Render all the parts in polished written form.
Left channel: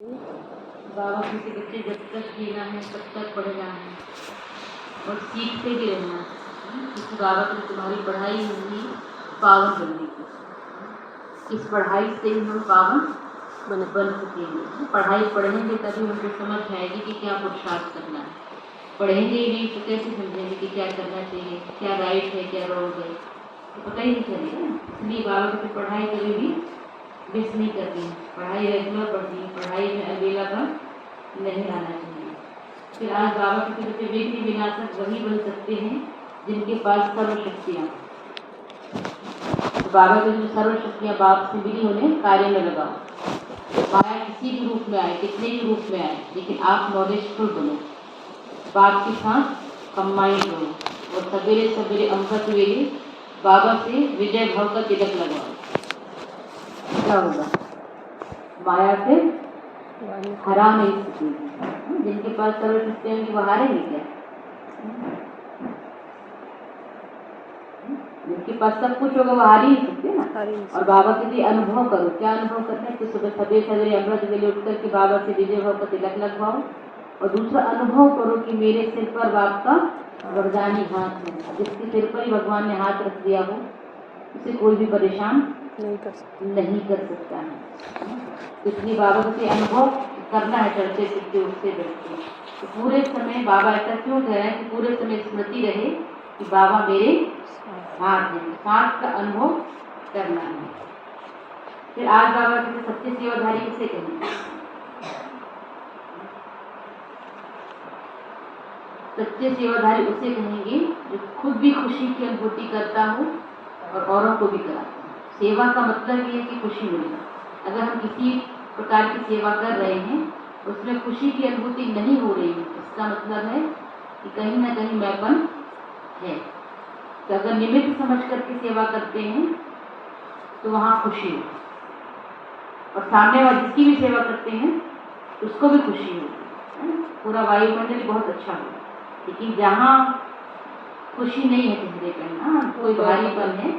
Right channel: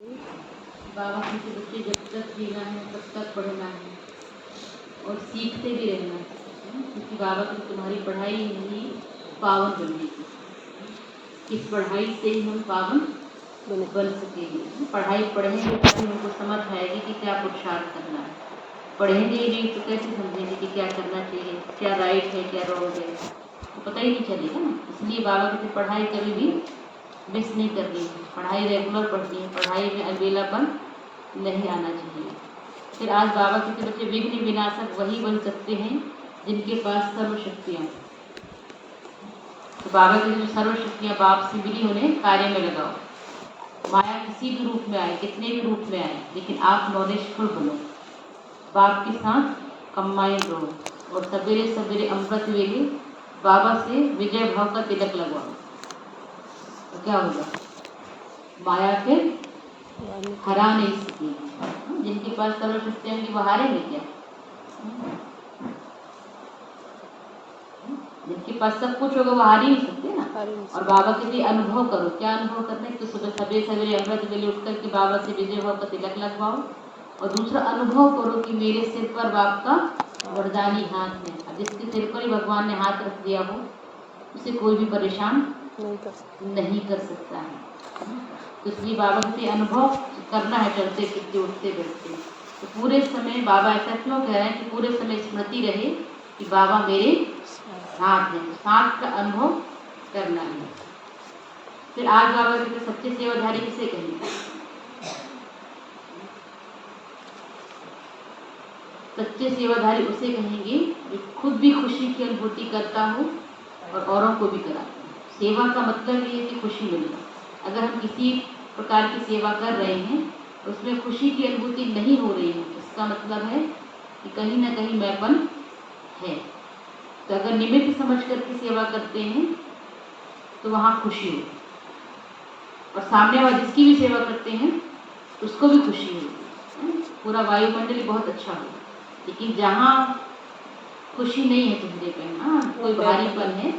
बाबा के बच्चे जब तक जीना है तब तक पढ़ना है और सीखते भी रहना है, क्योंकि बाबा की तुम्हारी पढ़ाई नहीं पावन बनने की, इस पढ़ाई से ही हम पावन बन सकेंगे। पढ़ाई पढ़ेंगे तभी हमको समझ आएगी कि क्या पुरुषार्थ करना है। पढ़ेंगे ही नहीं तो कैसे समझेंगे कि क्या करना चाहिए, क्या राइट है क्या रॉन्ग है, तो पता ही नहीं चलेगा ना। इसलिए बाबा की पढ़ाई कभी भी मिस नहीं करनी है, पढ़ाई रेगुलर पढ़नी है, पढ़ाई में अलबेलापन नहीं आना चाहिए। फिर आज बाबा के बच्चे विघ्न विनाशक वही बन सकते हैं जिनके पास सर्वशक्तियाँ। तो बाबा की जो सर्वशक्तियाँ बाप से मिली उन्हें कार्य में लगाओ। माया किसी भी रूप में आए, कितने भी रूप में आए, लेकिन आप नॉलेजफुल बनो, बाप के साथ कंबाइन बनो और सवेरे सवेरे अमृत वेले बाबा से विजय भाव का तिलक लगाओ। क्या होगा? माया फिर हरा नहीं सकेगी। जिनके पास सर्वशक्तियाँ होंगी वो हारेंगे क्या? जिनके पास सब कुछ होगा वो हार ही नहीं सकते ना। और बाबा के लिए अनुभव करो। क्या अनुभव करना है? तो सुबह सवेरे सवेरे अमृत वेले उठ करके बाबा से विजय भाव का तिलक लगवाओ और दूसरा अनुभव करो कि मेरे सिर पर बाप का वरदानी हाथ है। जिसके सिर पर ही भगवान ने हाथ रख दिया हो उसे कोई भी परेशान नहीं कर सकता है। इसलिए बाबा के अनुभव करना है, चलते फिरते उठते बैठते। तो पूरे समय बाबा ऐसा क्यों कह रहे हैं कि पूरे समय स्मृति रहे कि बाबा मेरे साथ है, साथ का अनुभव करना है। फिर आज बाबा के सच्चे सेवाधारी किसे कहेंगे? सच्चे सेवाधारी उसे कहेंगे जो खुद भी खुशी की अनुभूति करता हो और औरों को भी कराता हो। सेवा का मतलब ये है कि खुशी मिले। अगर हम किसी प्रकार की सेवा कर रहे हैं उसमें खुशी की अनुभूति नहीं हो रही है, इसका मतलब है कि कहीं ना कहीं मैंपन है। तो अगर निमित्त समझ करके सेवा करते हैं तो वहाँ खुशी हो, और सामने वाले जिसकी भी सेवा करते हैं उसको भी खुशी हो, पूरा वायुमंडल बहुत अच्छा हो। लेकिन जहाँ खुशी नहीं है चेहरे पे, ना कोई भारीपन है,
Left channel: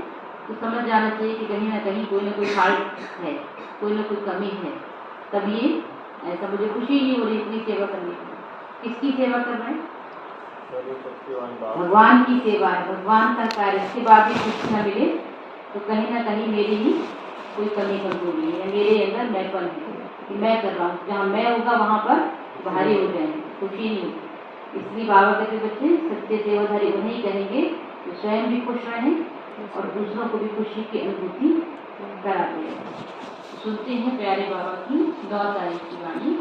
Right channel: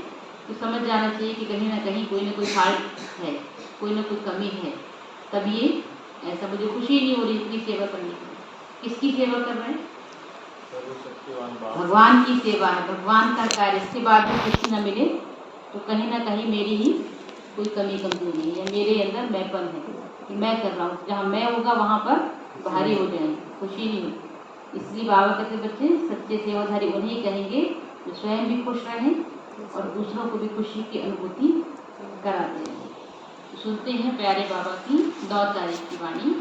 तो समझ जाना चाहिए कि कहीं ना कहीं कोई ना कोई फाल्ट है, कोई ना कोई कमी है। तब ये ऐसा मुझे खुशी नहीं हो रही इतनी सेवा करने की। किसकी सेवा कर रहे हैं? भगवान की सेवा है, भगवान का कार्य। इसके बाद भी खुशी न मिले तो कहीं ना कहीं मेरी ही कोई कमी कमजोरी है, मेरे अंदर मैंपन है कि मैं कर रहा हूँ। जहाँ मैं होगा वहाँ पर भारी हो जाएंगे, खुशी नहीं होगी। इसलिए बाबा कहते बच्चे सच्चे सेवाधारी उन्हें कहेंगे जो स्वयं भी खुश रहें और दूसरों को भी खुशी की अनुभूति कराते हैं। सुनते हैं प्यारे बाबा की 9 तारीख की वाणी।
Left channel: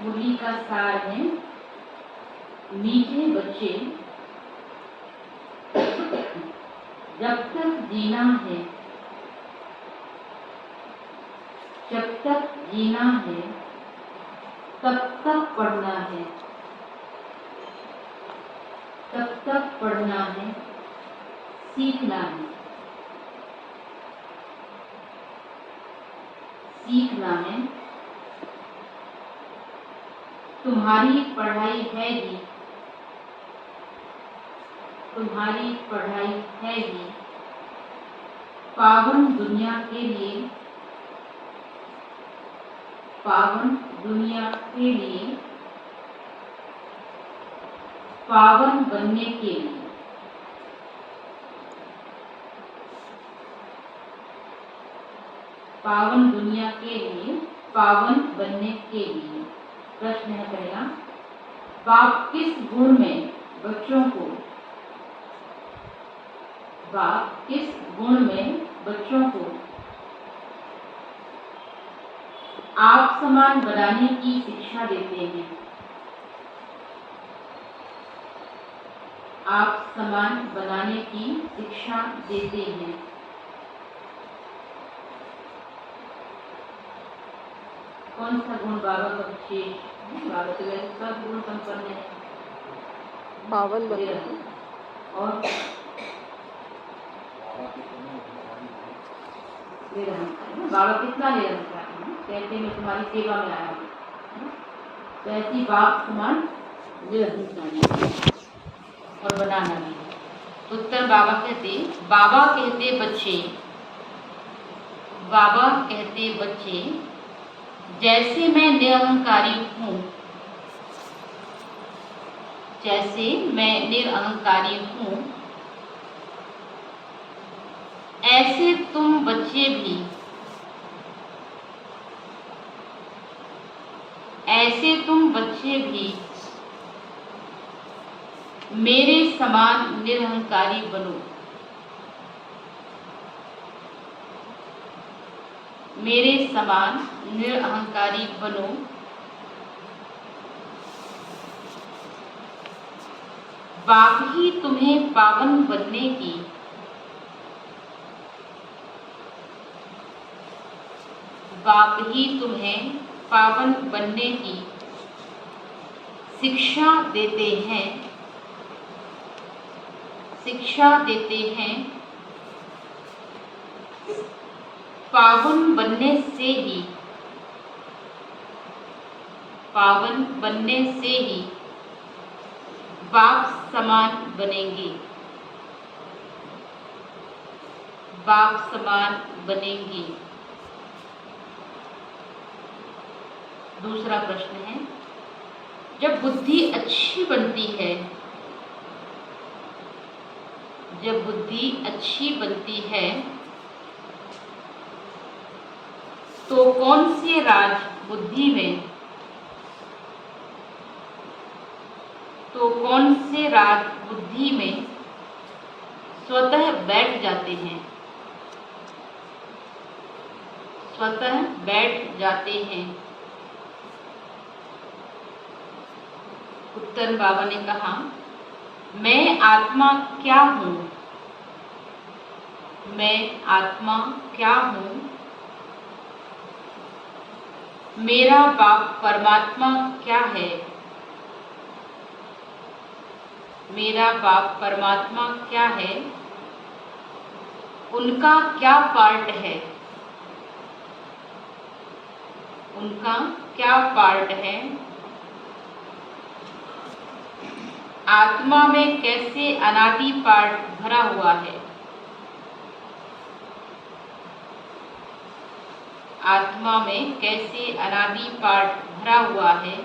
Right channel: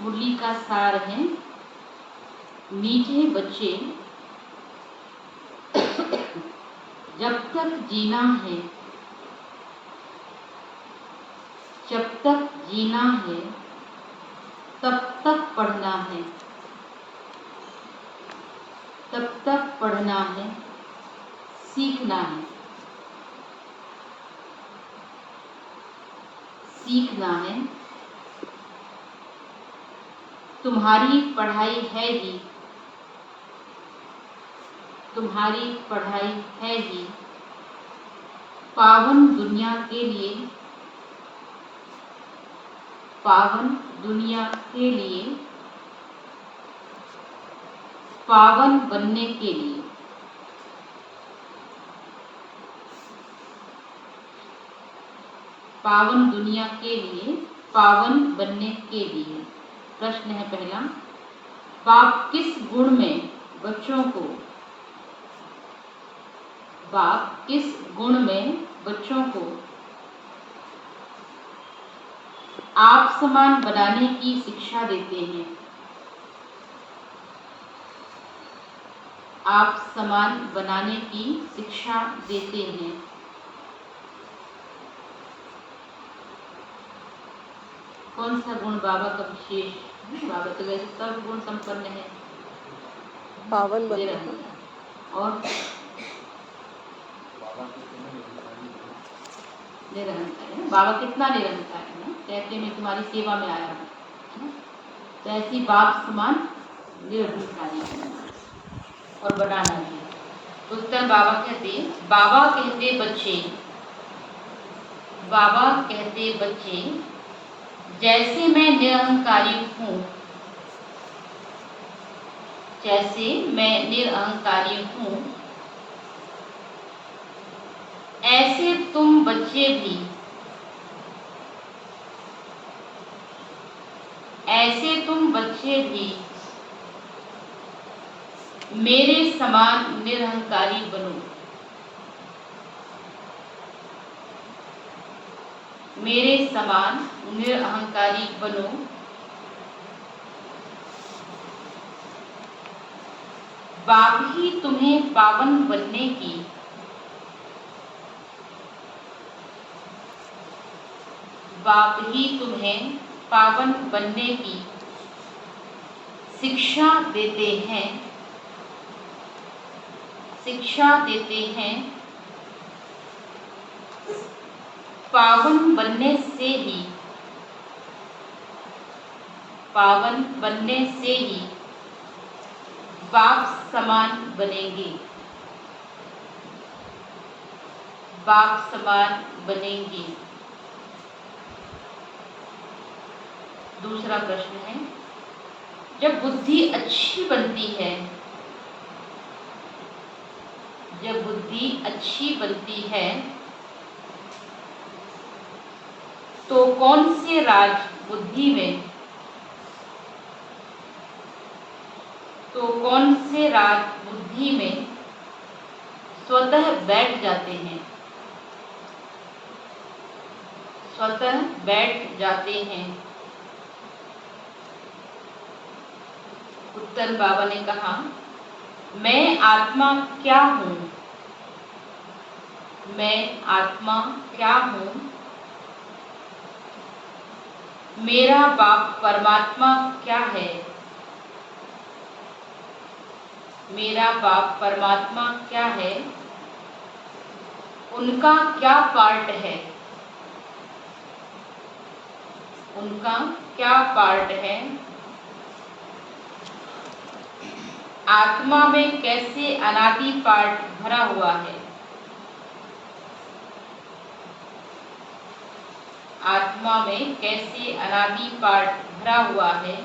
मुरली का सार है, मीठे बच्चे जब तक जीना है, जब तक जीना है तब तक पढ़ना है, तब तक पढ़ना है, सीखना है, सीखना है। तुम्हारी पढ़ाई है ही, तुम्हारी पढ़ाई है ही पावन दुनिया के लिए, पावन दुनिया के लिए, पावन बनने के लिए। पावन दुनिया के लिए, पावन बनने के लिए। प्रश्न है पहला, बाप किस गुण में बच्चों को, बाप किस गुण में बच्चों को आप समान बनाने की शिक्षा देते हैं? आप समान बनाने की शिक्षा देते हैं। कौन सा गुण बाबा का विशेष? बाबा तो वैसे सब गुण संपन्न है, पावन और निरंकार। बाबा कितना निरंकार है, कहते मैं तुम्हारी सेवा में आया हूँ, जैसी बाप समान निरंकारी और बनाना भी। उत्तर बाबा कहते, बाबा कहते बच्चे, बाबा कहते बच्चे जैसे मैं निरहंकारी हूँ, जैसे मैं निरअहंकारी हूँ, ऐसे तुम बच्चे भी, ऐसे तुम बच्चे भी मेरे समान निरहंकारी बनो, मेरे समान निरअहंकारी बनो। बाप ही तुम्हें पावन बनने की, बाप ही तुम्हें पावन बनने की शिक्षा देते हैं, शिक्षा देते हैं। पावन बनने से ही, पावन बनने से ही बाप समान बनेंगे, बाप समान बनेंगे। दूसरा प्रश्न है, जब बुद्धि अच्छी बनती है, जब बुद्धि अच्छी बनती है तो कौन से राज बुद्धि में, तो कौन से राज बुद्धि में स्वतः बैठ जाते हैं, स्वतः बैठ जाते हैं। उत्तर बाबा ने कहा, मैं आत्मा क्या हूँ, मैं आत्मा क्या हूँ, मेरा बाप परमात्मा क्या है, मेरा बाप परमात्मा क्या है, उनका क्या पार्ट है, उनका क्या पार्ट है। आत्मा में कैसे अनादि पार्ट भरा हुआ है, आत्मा में कैसे अनादि पार्ट भरा हुआ है,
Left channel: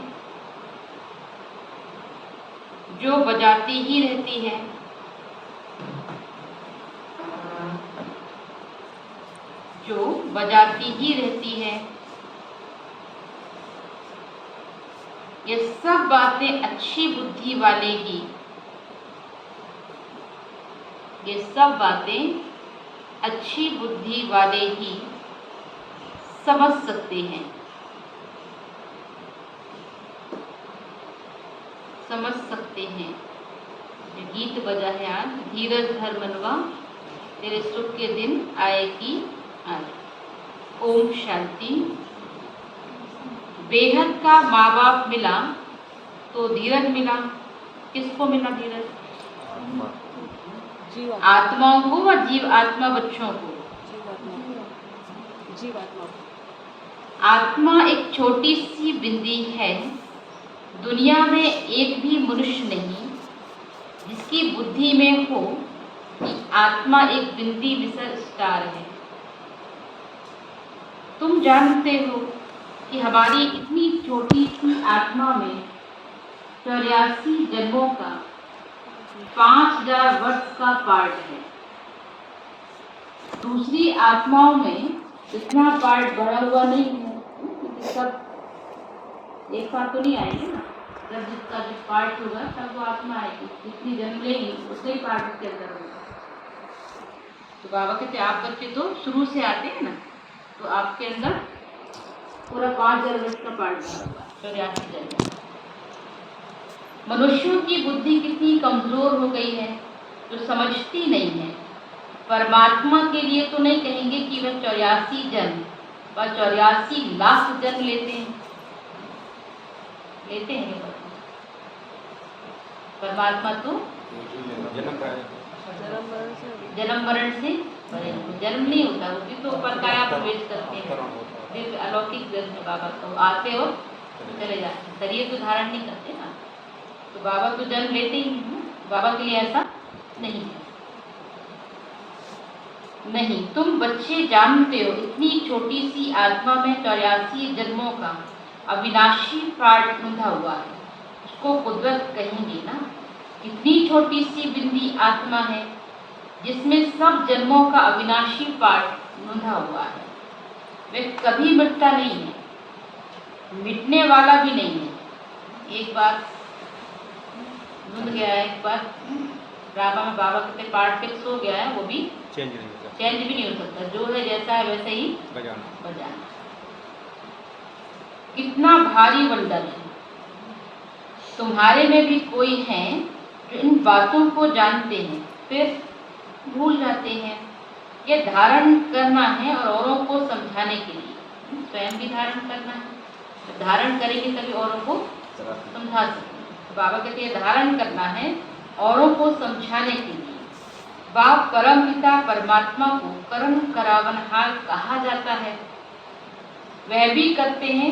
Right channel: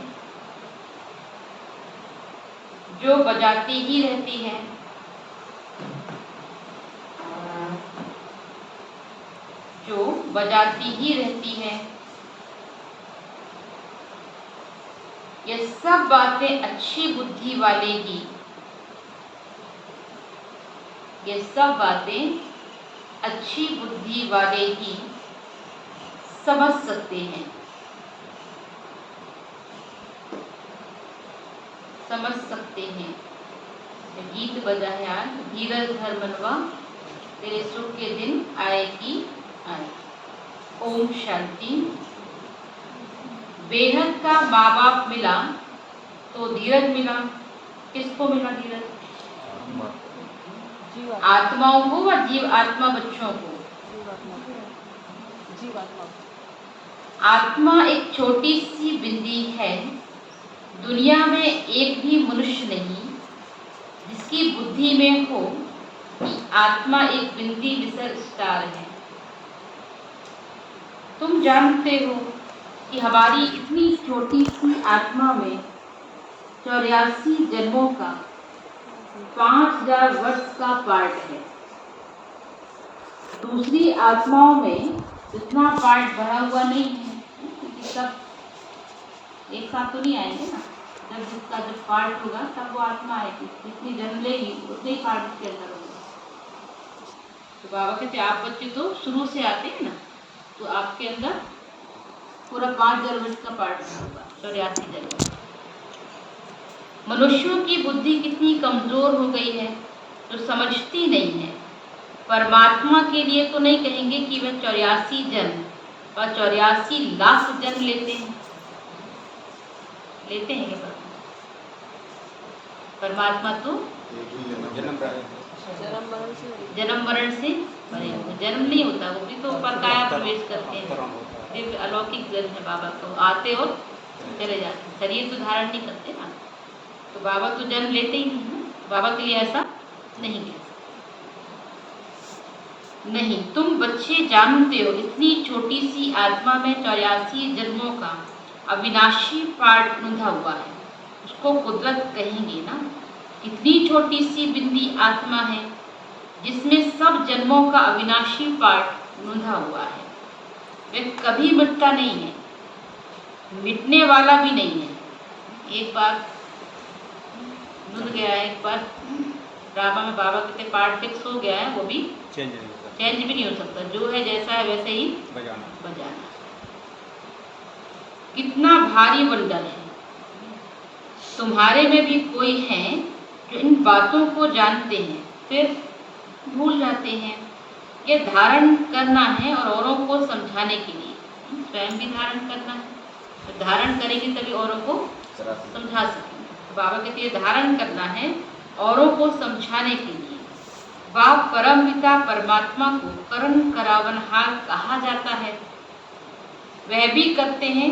जो बजाती ही रहती है, जो बजाती ही रहती है। ये सब बातें अच्छी बुद्धि वाले ही, ये सब बातें अच्छी बुद्धि वाले ही समझ सकते हैं, समझ सकते हैं। गीत बजा है आज, धीरज धर मनवा, तेरे सुख के दिन आए कि आए। ओम शांति। बेहद का माँ बाप मिला तो धीरज मिला, किसको मिला धीरज? आत्माओं को व जीव आत्मा बच्चों को। जीवात्मा। आत्मा एक छोटी सी बिंदी है, दुनिया में एक भी मनुष्य नहीं जिसकी बुद्धि में हो कि आत्मा एक बिंदी विसर स्टार है। तुम जानते हो कि हमारी इतनी छोटी सी आत्मा में 84 जन्मों का 5000 वर्ष का पार्ट है। दूसरी आत्माओं में इतना पार्ट भरा हुआ नहीं है, क्योंकि सब एक साथ तो नहीं आएंगे ना। जब जिसका जब पार्ट होगा तब वो आत्मा आएगी, जितनी जन्म लेगी उसे ही पार्ट के अंदर होगा। तो बाबा कहते आप बच्चे तो शुरू से आते हैं ना, तो आपके अंदर पूरा 5000 वर्ष का पार्ट होगा, 84 जन्म। मनुष्यों की बुद्धि कितनी कमजोर हो गई है, जो समझती नहीं है। परमात्मा के लिए तो नहीं कहेंगे कि वह 84 जन्म व 84 लाख जन्म लेते हैं, लेते हैं परमात्मा तो जन्म मरण से जन्म नहीं होता, वो भी तो परकाया प्रवेश करते हैं। दिव्य अलौकिक जन्म है बाबा, तो आते और चले जाते, शरीर तो धारण नहीं करते ना। तो बाबा तो जन्म लेते ही हैं, बाबा के लिए ऐसा नहीं है। नहीं, तुम बच्चे जानते हो इतनी छोटी सी आत्मा में 84 जन्मों का अविनाशी पार्ट रुंधा हुआ है। उसको कुदरत कहेंगे ना। कितनी छोटी सी बिंदी आत्मा है जिसमें सब जन्मों का अविनाशी पार्ट रुंधा हुआ है। वह कभी मिटता नहीं है, मिटने वाला भी नहीं है। एक बार रुंध गया है, एक बार ड्रामा में बाबा कहते पार्ट फिक्स हो गया है, वो भी चेंज भी नहीं हो सकता। जो है जैसा है वैसे ही बजाना। कितना भारी वंडर है। तुम्हारे में भी कोई है जो इन बातों को जानते हैं फिर भूल जाते हैं। ये धारण करना है और औरों को समझाने के लिए। स्वयं भी धारण करना है, तो धारण करेंगे तभी औरों को समझा सकेंगे। बाबा कहते हैं धारण करना है औरों को समझाने के लिए। बाप परमपिता परमात्मा को करण करावनहार कहा जाता है। वह भी करते हैं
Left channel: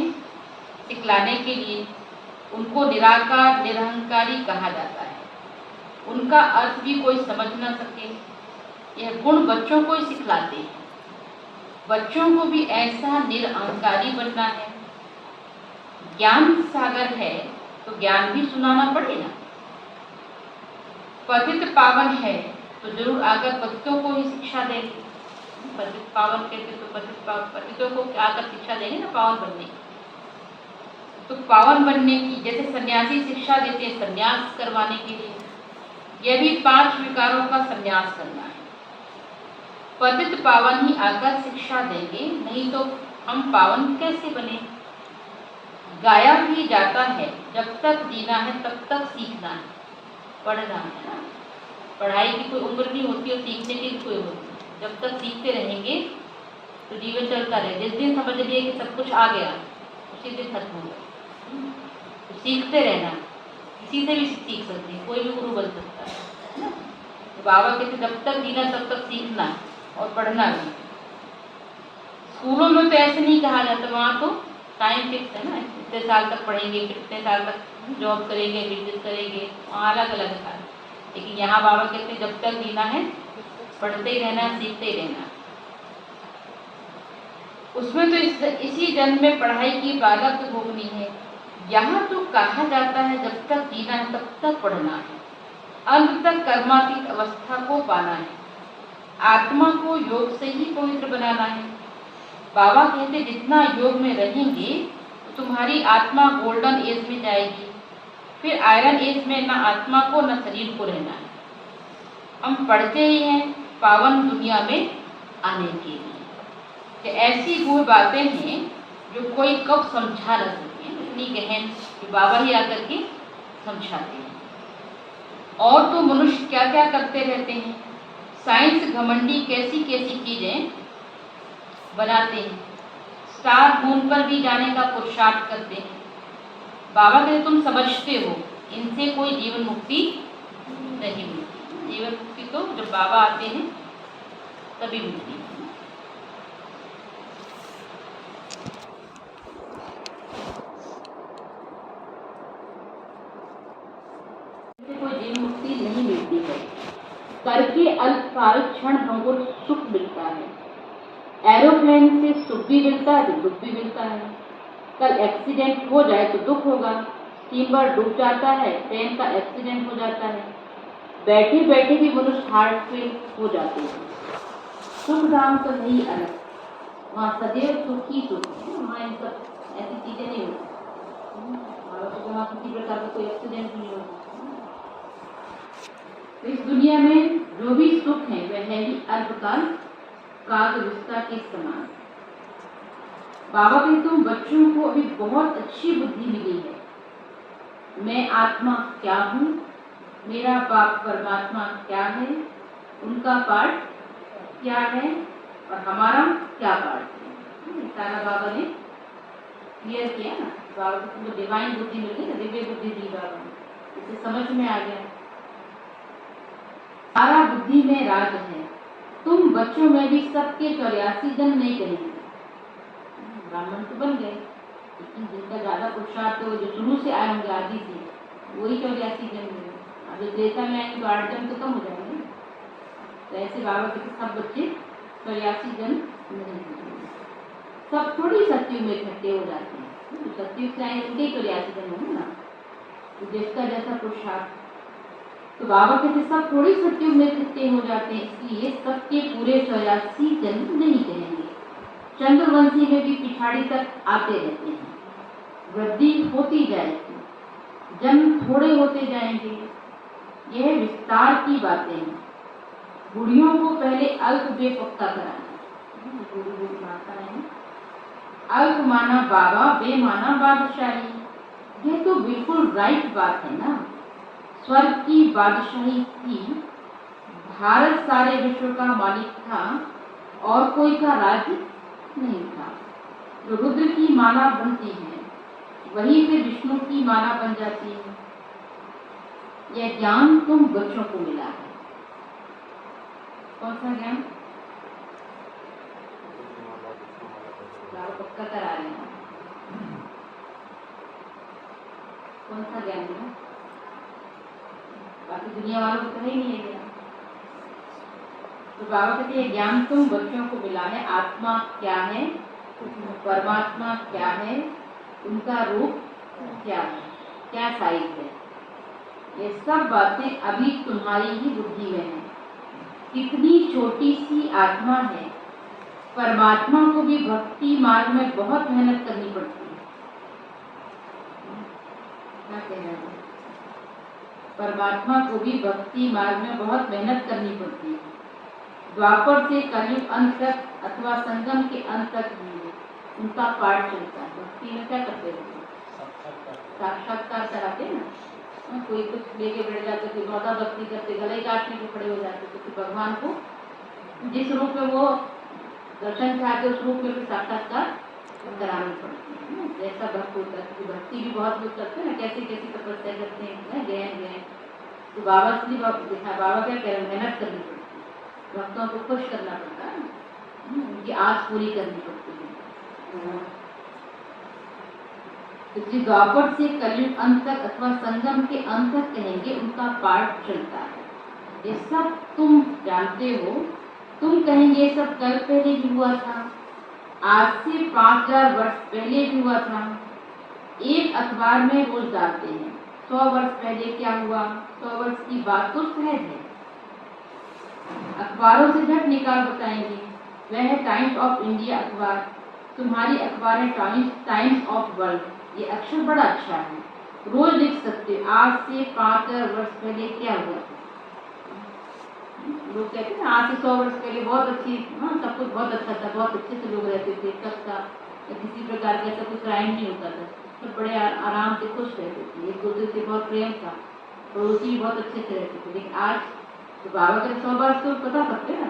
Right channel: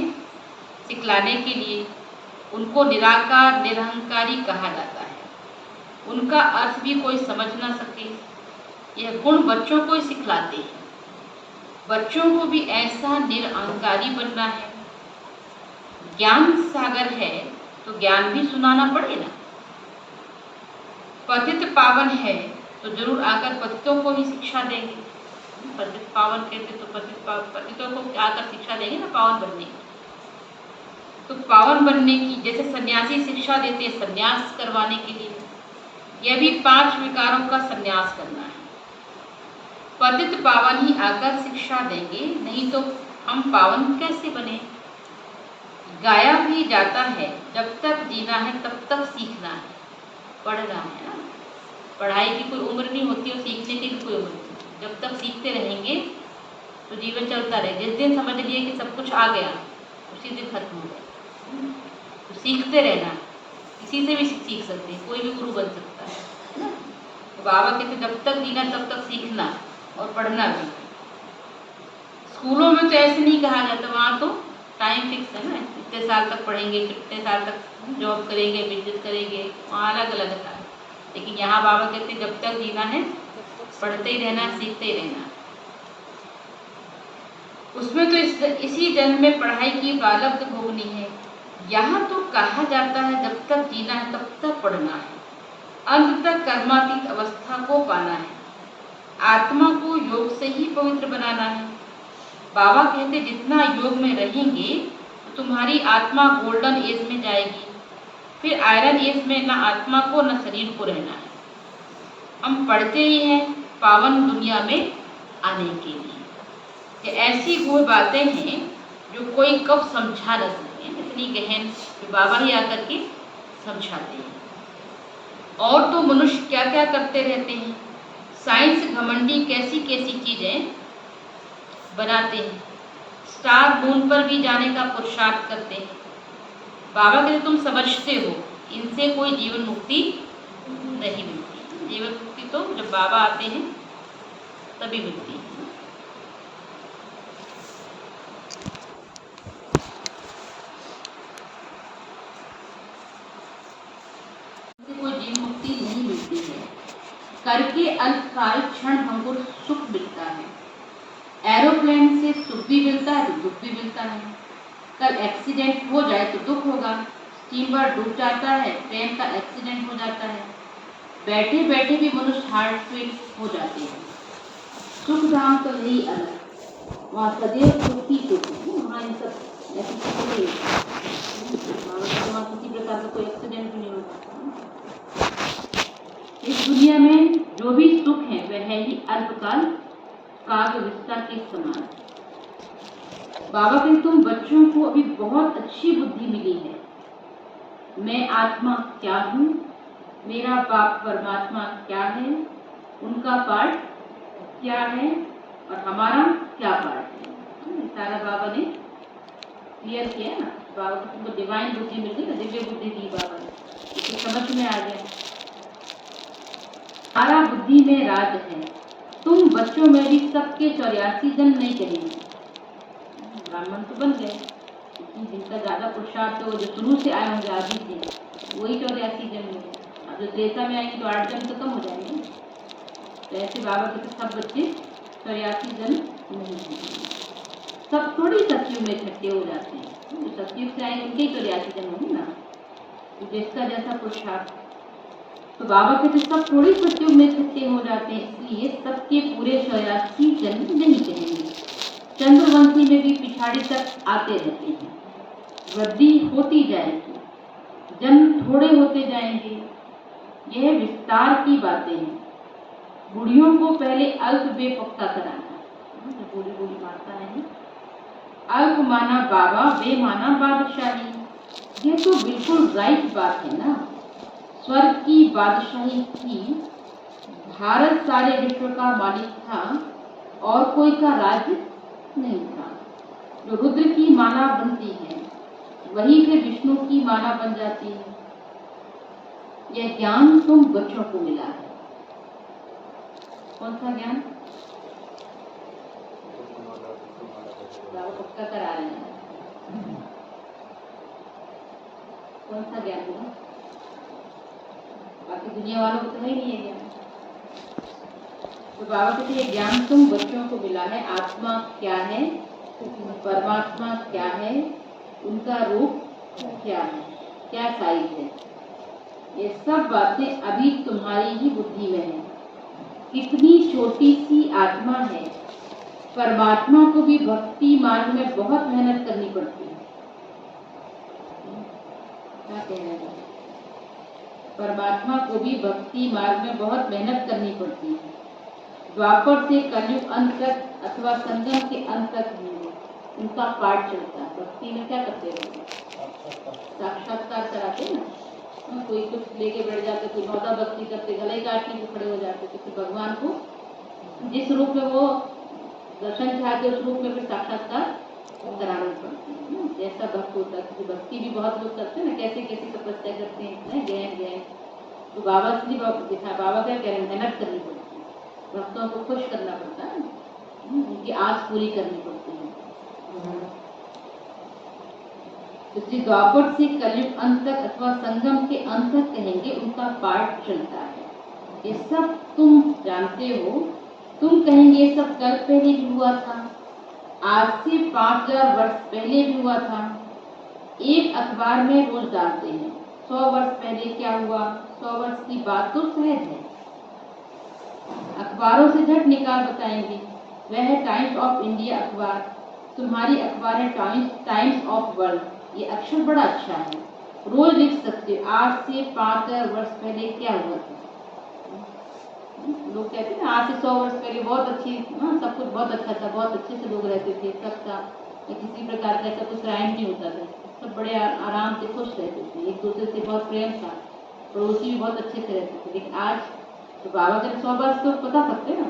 सिखलाने के लिए। उनको निराकार निरहंकारी कहा जाता है। उनका अर्थ भी कोई समझ न सके, यह गुण बच्चों को ही सिखलाते हैं। बच्चों को भी ऐसा निरअहंकारी बनना है। ज्ञान सागर है तो ज्ञान भी सुनाना पड़ेगा। पतित पावन है तो जरूर आकर पतितों को ही शिक्षा देंगे। पतित पावन कहते तो पतितों को आकर शिक्षा देंगे ना पावन बनने की। तो पावन बनने की जैसे सन्यासी शिक्षा देते हैं सन्यास करवाने के लिए, यह भी 5 विकारों का सन्यास करना है। पतित पावन ही आकर शिक्षा देंगे, नहीं तो हम पावन कैसे बने। गाया भी जाता है जब तक जीना है तब तक सीखना है, पढ़ना है ना। पढ़ाई की कोई उम्र नहीं होती और सीखने की भी कोई उम्र नहीं। जब तक सीखते रहेंगे तो जीवन चलता रहेगा। जिस दिन समझ लिए कि सब कुछ आ गया उसी दिन खत्म हो गया। तो सीखते रहना, किसी से भी सीख सकते हैं, कोई भी गुरु बन सकता है। तो बाबा कहते जब तक जीना तब तक सीखना और पढ़ना भी। स्कूलों में तो ऐसे नहीं कहा जाता, वहाँ तो टाइम फिक्स है ना, इतने साल तक पढ़ेंगे, फिर इतने साल तक जॉब करेंगे, बिजनेस करेंगे, वहाँ अलग अलग था। लेकिन यहाँ बाबा कहते हैं जब तक जीना है पढ़ते ही रहना, सीखते ही रहना। उसमें तो इसी जन्म में पढ़ाई की बालक भोगनी है। यहाँ तो कहा जाता है जब तक जीना है तब तक पढ़ना है, अंत तक कर्मातीत अवस्था को पाना है, आत्मा को योग से ही पवित्र बनाना है। बाबा कहते जितना योग में रहेंगे तो तुम्हारी आत्मा गोल्डन एज में जाएगी, फिर आयरन एज में न आत्मा को न शरीर को रहना है। हम पढ़ते ही हैं पावन दुनिया में आने के लिए। ये ऐसी वो बातें हैं जो कोई कब समझा न सके, इतनी गहन कि बाबा ही आकर के समझाते हैं। और तो मनुष्य क्या क्या करते रहते हैं। साइंस घमंडी कैसी कैसी चीजें बनाते हैं। स्टार मून पर भी जाने का पुरुषार्थ करते हैं। बाबा कहते तुम समझते हो इनसे कोई जीवन मुक्ति नहीं मिलती। जीवन मुक्ति तो जब बाबा आते हैं तभी मिलती है। कोई जीवन मुक्ति नहीं मिलती है। करके अल्पकाल क्षण भंगुर सुख मिलता है। एरोप्लेन से सुख भी मिलता है तो दुख भी मिलता है। कल एक्सीडेंट हो जाए तो दुख होगा। स्टीमर डूब जाता है, ट्रेन का एक्सीडेंट हो जाता है, बैठे बैठे भी मनुष्य हार्ट फेल हो जाते हैं। सुख धाम तो नहीं अलग, वहाँ सदैव सुख ही सुख है। वहाँ इन सब ऐसी चीजें नहीं होती। वहाँ किसी प्रकार का कोई एक्सीडेंट नहीं होता। इस दुनिया में जो भी सुख है वह है ही अल्पकाल काग विस्ता के समान। बाबा के तुम बच्चों को अभी बहुत अच्छी बुद्धि मिली है। मैं आत्मा क्या हूँ, मेरा बाप परमात्मा क्या है, उनका पार्ट क्या है और हमारा क्या पार्ट है। सारा बाबा ने क्लियर किया ना। बाबा को तुमको डिवाइन बुद्धि मिल गई ना, दिव्य बुद्धि दी बाबा ने, इसे समझ में आ गया। सारा बुद्धि में राज है। तुम बच्चों में भी सबके 84 जन्म नहीं कहेंगे। ब्राह्मण तो बन गए, लेकिन जिनका ज्यादा पुरुषार्थ हो, जो शुरू से आए होंगे आदि से, वही 84 जन्म होंगे। अब जो त्रेता में आएंगे तो 8 जन्म तो कम हो जाएंगे। तो ऐसे बाबा के सब बच्चे 84 जन्म नहीं होंगे। सब थोड़ी सतयुग में इकट्ठे हो जाते हैं, जो सतयुग से आएंगे उनके 84 जन्म होंगे ना, तो जिसका जैसा पुरुषार्थ। तो बाबा कहते सब थोड़ी सतयुग में इकट्ठे हो जाते हैं, इसलिए सबके पूरे 84 जन्म नहीं कहेंगे। चंद्रवंशी में भी पिछाड़ी तक आते रहते हैं, वृद्धि होती जाएगी, जन्म थोड़े होते जाएंगे। यह विस्तार की बातें हैं। बुढ़ियों को पहले अल्प बे पक्का कराना, बूढ़ी बूढ़ी माता है, अल्प माना बाबा, बे माना बादशाही। यह तो बिल्कुल राइट बात है ना। स्वर्ग की बादशाही थी, भारत सारे विश्व का मालिक था और कोई का राज्य नहीं था। जो रुद्र की माला बनती है वही फिर विष्णु की माला बन जाती है। यह ज्ञान तुम बच्चों को मिला है। कौन सा ज्ञान? पक्का करा रहे हैं। कौन सा ज्ञान मिला? बाकी दुनिया वालों को तो है ही नहीं है ज्ञान। तो बाबा कहते हैं ज्ञान तुम बच्चों को मिला है। आत्मा क्या है, परमात्मा क्या है, उनका रूप क्या है, क्या साइज है, ये सब बातें अभी तुम्हारी ही बुद्धि में है। कितनी छोटी सी आत्मा है। परमात्मा को भी भक्ति मार्ग में बहुत मेहनत करनी पड़ती है। क्या कहना है? परमात्मा को भी भक्ति मार्ग में बहुत मेहनत करनी पड़ती है। द्वापर से कलयुग अंत तक अथवा संगम के अंत तक उनका पाठ चलता है। भक्ति में क्या करते रहते? साक्षात्कार कराते ना। कोई कुछ लेके बैठ जाते, कोई मौदा भक्ति करते, गले काटने को खड़े हो जाते, तो भगवान को जिस रूप में वो दर्शन चाहते उस रूप में भी साक्षात्कार करानी पड़ती है। जैसा भक्त होता है, भक्ति भी बहुत लोग करते हैं ना, कैसे कैसी तपस्या करते हैं, गहन गहन। तो बाबा इसलिए देखा, बाबा क्या कह रहे हैं, मेहनत करनी पड़ती है, भक्तों को खुश करना पड़ता है, उनकी आस पूरी करनी पड़ती है। तो द्वापर से कलयुग अंत तक अथवा संगम के अंत तक कहेंगे, उनका पाठ चलता है। ये सब तुम जानते हो। तुम कहेंगे ये सब कल पहले भी हुआ था, आज से 5000 वर्ष पहले भी हुआ था। एक अखबार में रोज डालते हैं 100 वर्ष पहले क्या हुआ। 100 वर्ष की बात तो सहज है, अखबारों से झट निकाल बताएंगे। वह है टाइम्स ऑफ इंडिया अखबार, तुम्हारी अखबार है टाइम्स ऑफ वर्ल्ड। ये अक्षर बड़ा अच्छा है, रोज लिख सकते हो आज से 5000 वर्ष पहले क्या हुआ था। लोग कहते हैं ना आज से 100 वर्ष पहले बहुत अच्छी, सब कुछ बहुत अच्छा था, बहुत अच्छे से लोग रहते थे, सब था, किसी प्रकार का ऐसा कुछ क्राइम नहीं होता था, सब बड़े आराम से खुश रहते थे, एक दूसरे से बहुत प्रेम था, पड़ोसी भी बहुत अच्छे से रहते थे। लेकिन आज तो बाबा के 100 वर्ष तो बता सकते ना,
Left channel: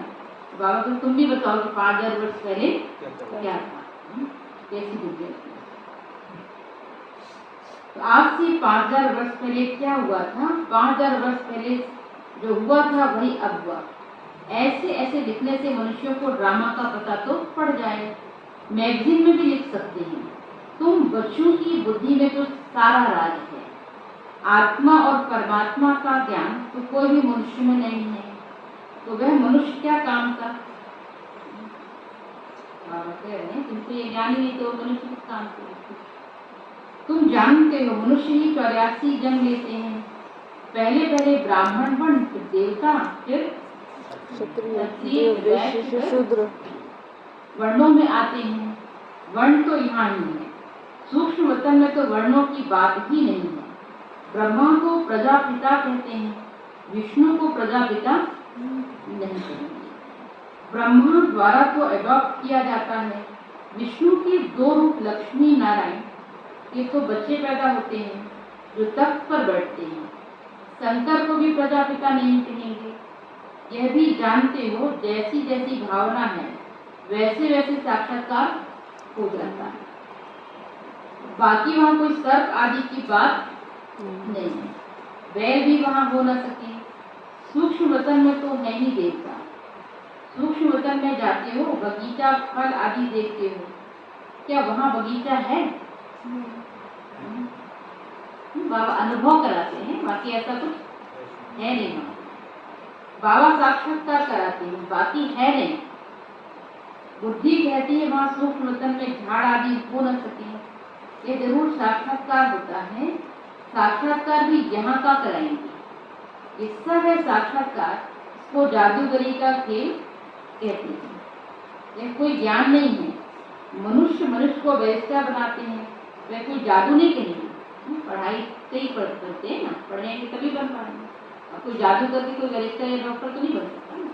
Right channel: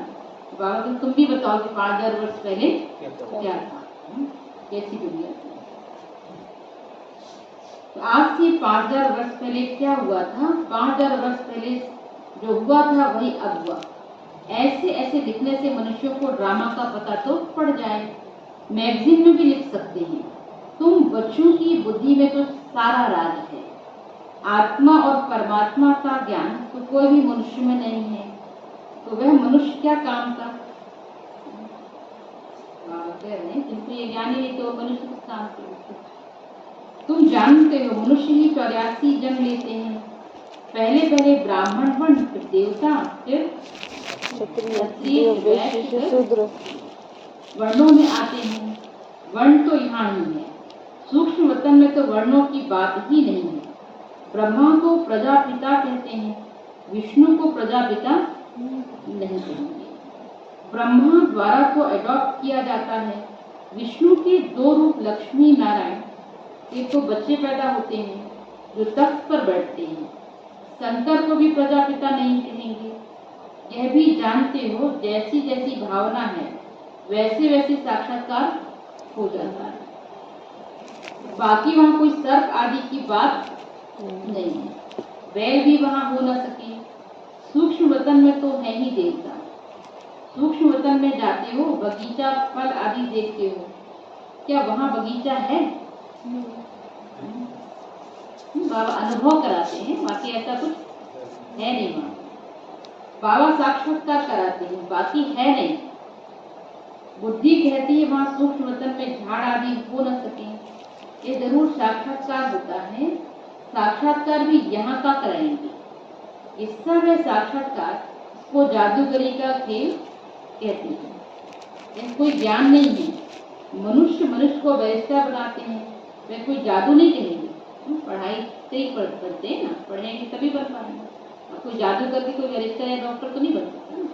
तो बाबा को तुम भी बताओ कि 5000 वर्ष पहले क्या था, कैसी दुनिया थी। तो आज से 5000 वर्ष पहले क्या हुआ था, 5000 वर्ष पहले जो हुआ था वही अब हुआ। ऐसे ऐसे लिखने से मनुष्यों को ड्रामा का पता तो पड़ जाए, मैगजीन में भी लिख सकते हैं। तुम बच्चों की बुद्धि में तो सारा राज है। आत्मा और परमात्मा का ज्ञान तो कोई भी मनुष्य में नहीं है, तो वह मनुष्य क्या काम का। बाबा कह रहे हैं तुमको ये ज्ञान ही नहीं तो मनुष्य किस काम के। तुम जानते हो मनुष्य ही 84 जन्म लेते हैं। पहले पहले ब्राह्मण वर्ण, फिर देवता, फिर क्षत्रिय, वैश्य, शूद्र वर्णों में आते हैं। वर्ण तो यहाँ ही है, सूक्ष्म वतन में तो वर्णों की बात ही नहीं है। ब्रह्मा को प्रजापिता कहते हैं, विष्णु को प्रजापिता नहीं कहेंगे। ब्रह्मा द्वारा तो अडॉप्ट किया जाता है। विष्णु के 2 रूप लक्ष्मी नारायण, एक तो बच्चे पैदा होते हैं जो तख्त पर बैठते हैं। शंकर को भी प्रजापिता नहीं कहेंगे। यह भी जानते हो जैसी जैसी भावना है वैसे वैसे साक्षात्कार हो जाता है। बाकी वहाँ कोई सर्प आदि की बात नहीं है, वैर भी वहाँ हो न सके। सूक्ष्म वतन में तो है ही देवता। सूक्ष्म वतन में जाते हो, बगीचा फल आदि देखते हो, क्या वहाँ बगीचा है? बाबा अनुभव कराते हैं, बाकी ऐसा कुछ है नहीं। वहाँ बाबा साक्षात्कार कराते हैं, बाकी है नहीं। बुद्धि कहती है वहाँ सूक्ष्म तन में झाड़ आदि हो न सके। ये जरूर साक्षात्कार होता है, साक्षात्कार भी यहाँ का कराएंगे। इस समय साक्षात्कार को जादूगरी का खेल कहते हैं। यह कोई ज्ञान नहीं है। मनुष्य को वैसा बनाते हैं, वह कोई जादू नहीं कहेंगे। पढ़ाई से ही करते हैं ना, पढ़ेंगे तभी बन पाएंगे। और कोई जादू करके कोई गरीब या डॉक्टर तो नहीं बन सकता ना।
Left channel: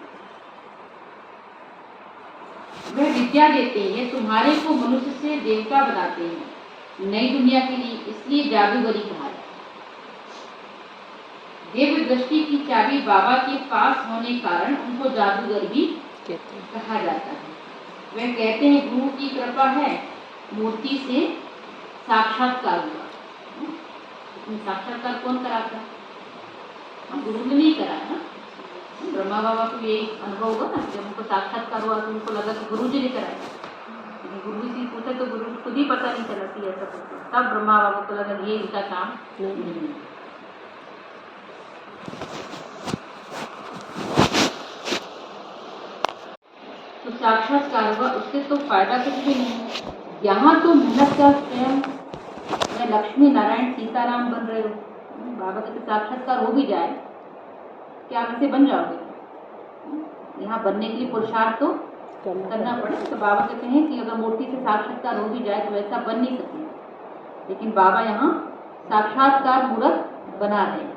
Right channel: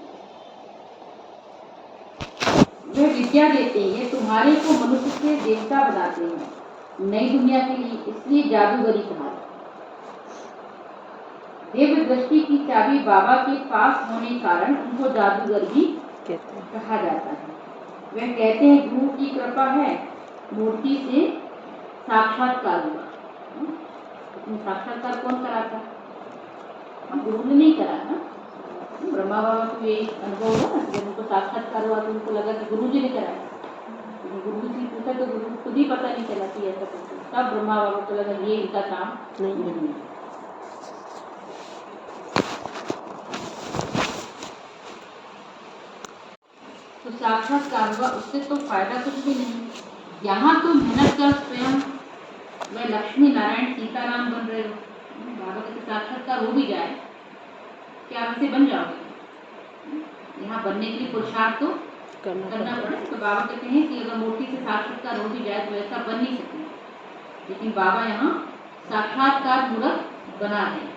वह विद्या देते हैं, तुम्हारे को मनुष्य से देवता बनाते हैं नई दुनिया के लिए, इसलिए जादूगरी कहा है। देव दृष्टि की चाबी बाबा के पास होने कारण उनको जादूगर भी कहा जाता है। वह कहते हैं गुरु की कृपा है, मूर्ति से साक्षात्कार हुआ। साक्षात्कार कौन कराता है? गुरु ने नहीं कराया ना। ब्रह्मा बाबा को ये अनुभव हुआ ना, जब उनको साक्षात्कार हुआ तो उनको लगा कि गुरु जी ने कराया। गुरु जी से पूछा तो गुरु खुद ही पता नहीं चला कि ऐसा कुछ। तब ब्रह्मा बाबा को लगा ये इनका काम नहीं है। तो साक्षात्कार हुआ, उससे तो फायदा कुछ भी नहीं है। यहाँ तो मेहनत का स्वयं मैं लक्ष्मी नारायण सीताराम बन रहे हो। बाबा के साक्षात्कार हो भी जाए, क्या आप इसे बन जाओगे? यहाँ बनने के लिए पुरुषार्थ तो करना पड़े। तो बाबा कहते हैं कि अगर मूर्ति से साक्षात्कार हो भी जाए तो ऐसा बन नहीं सकते, लेकिन बाबा यहाँ साक्षात्कार मूर्त बना रहे हैं।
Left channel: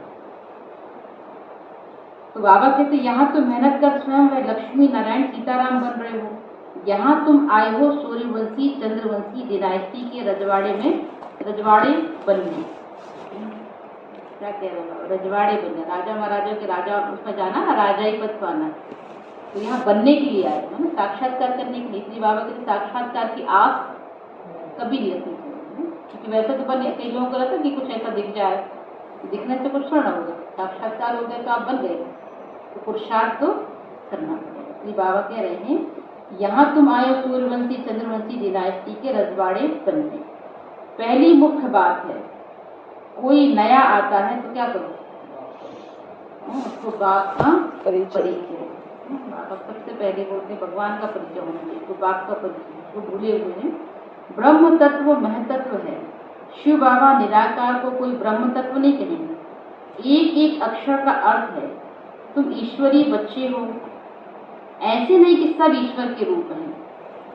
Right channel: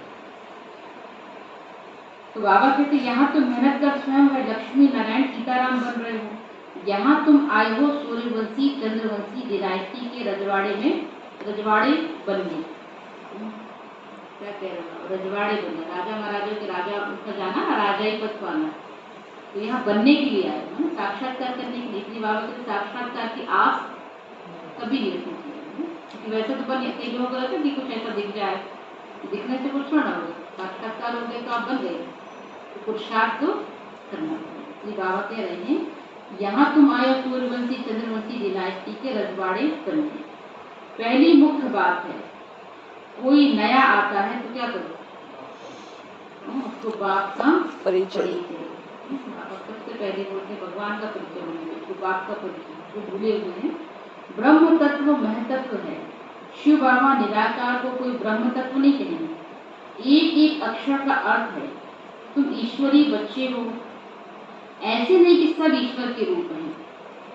तो बाबा कहते यहाँ तो मेहनत कर स्वयं है लक्ष्मी नारायण सीताराम बन रहे हो। यहाँ तुम आए हो सूर्यवंशी चंद्रवंशी डिनाइस्टी के रजवाड़े में, रजवाड़े बनने। क्या कह रहे हो? रजवाड़े बनना, राजा महाराजा के राजा उसका जाना ना, राजा ही पद पाना। तो यहाँ बनने के लिए आए हो ना, साक्षात्कार करने के लिए। इसलिए बाबा कहते साक्षात्कार की आस कभी नहीं रखनी चाहिए, क्योंकि वैसे तो बन कई लोगों को लगता है कि कुछ ऐसा दिख जाए, दिखने से कुछ थोड़ा होगा। साक्षात्कार हो गए तो आप बन गए, तो पुरुषार्थ तो करना पड़ेगा। इसलिए बाबा कह रहे हैं यहाँ तुम आए हो सूर्यवंशी चंद्रवंशी डिनाइस्टी के रजवाड़े बनने। पहली मुख्य बात है, कोई नया आता है तो क्या करो? उसको बाप का परिचय। बाबा सबसे पहले बोलते हैं भगवान का परिचय होना चाहिए, तो बाप का परिचय। वो भूले हुए हैं ब्रह्म तत्व महतत्व है। शिव बाबा निराकार को कोई ब्रह्म तत्व नहीं कहेंगे। एक एक अक्षर का अर्थ है। तुम ईश्वरी बच्चे हो, ऐसे नहीं कि सब ईश्वर के रूप हैं।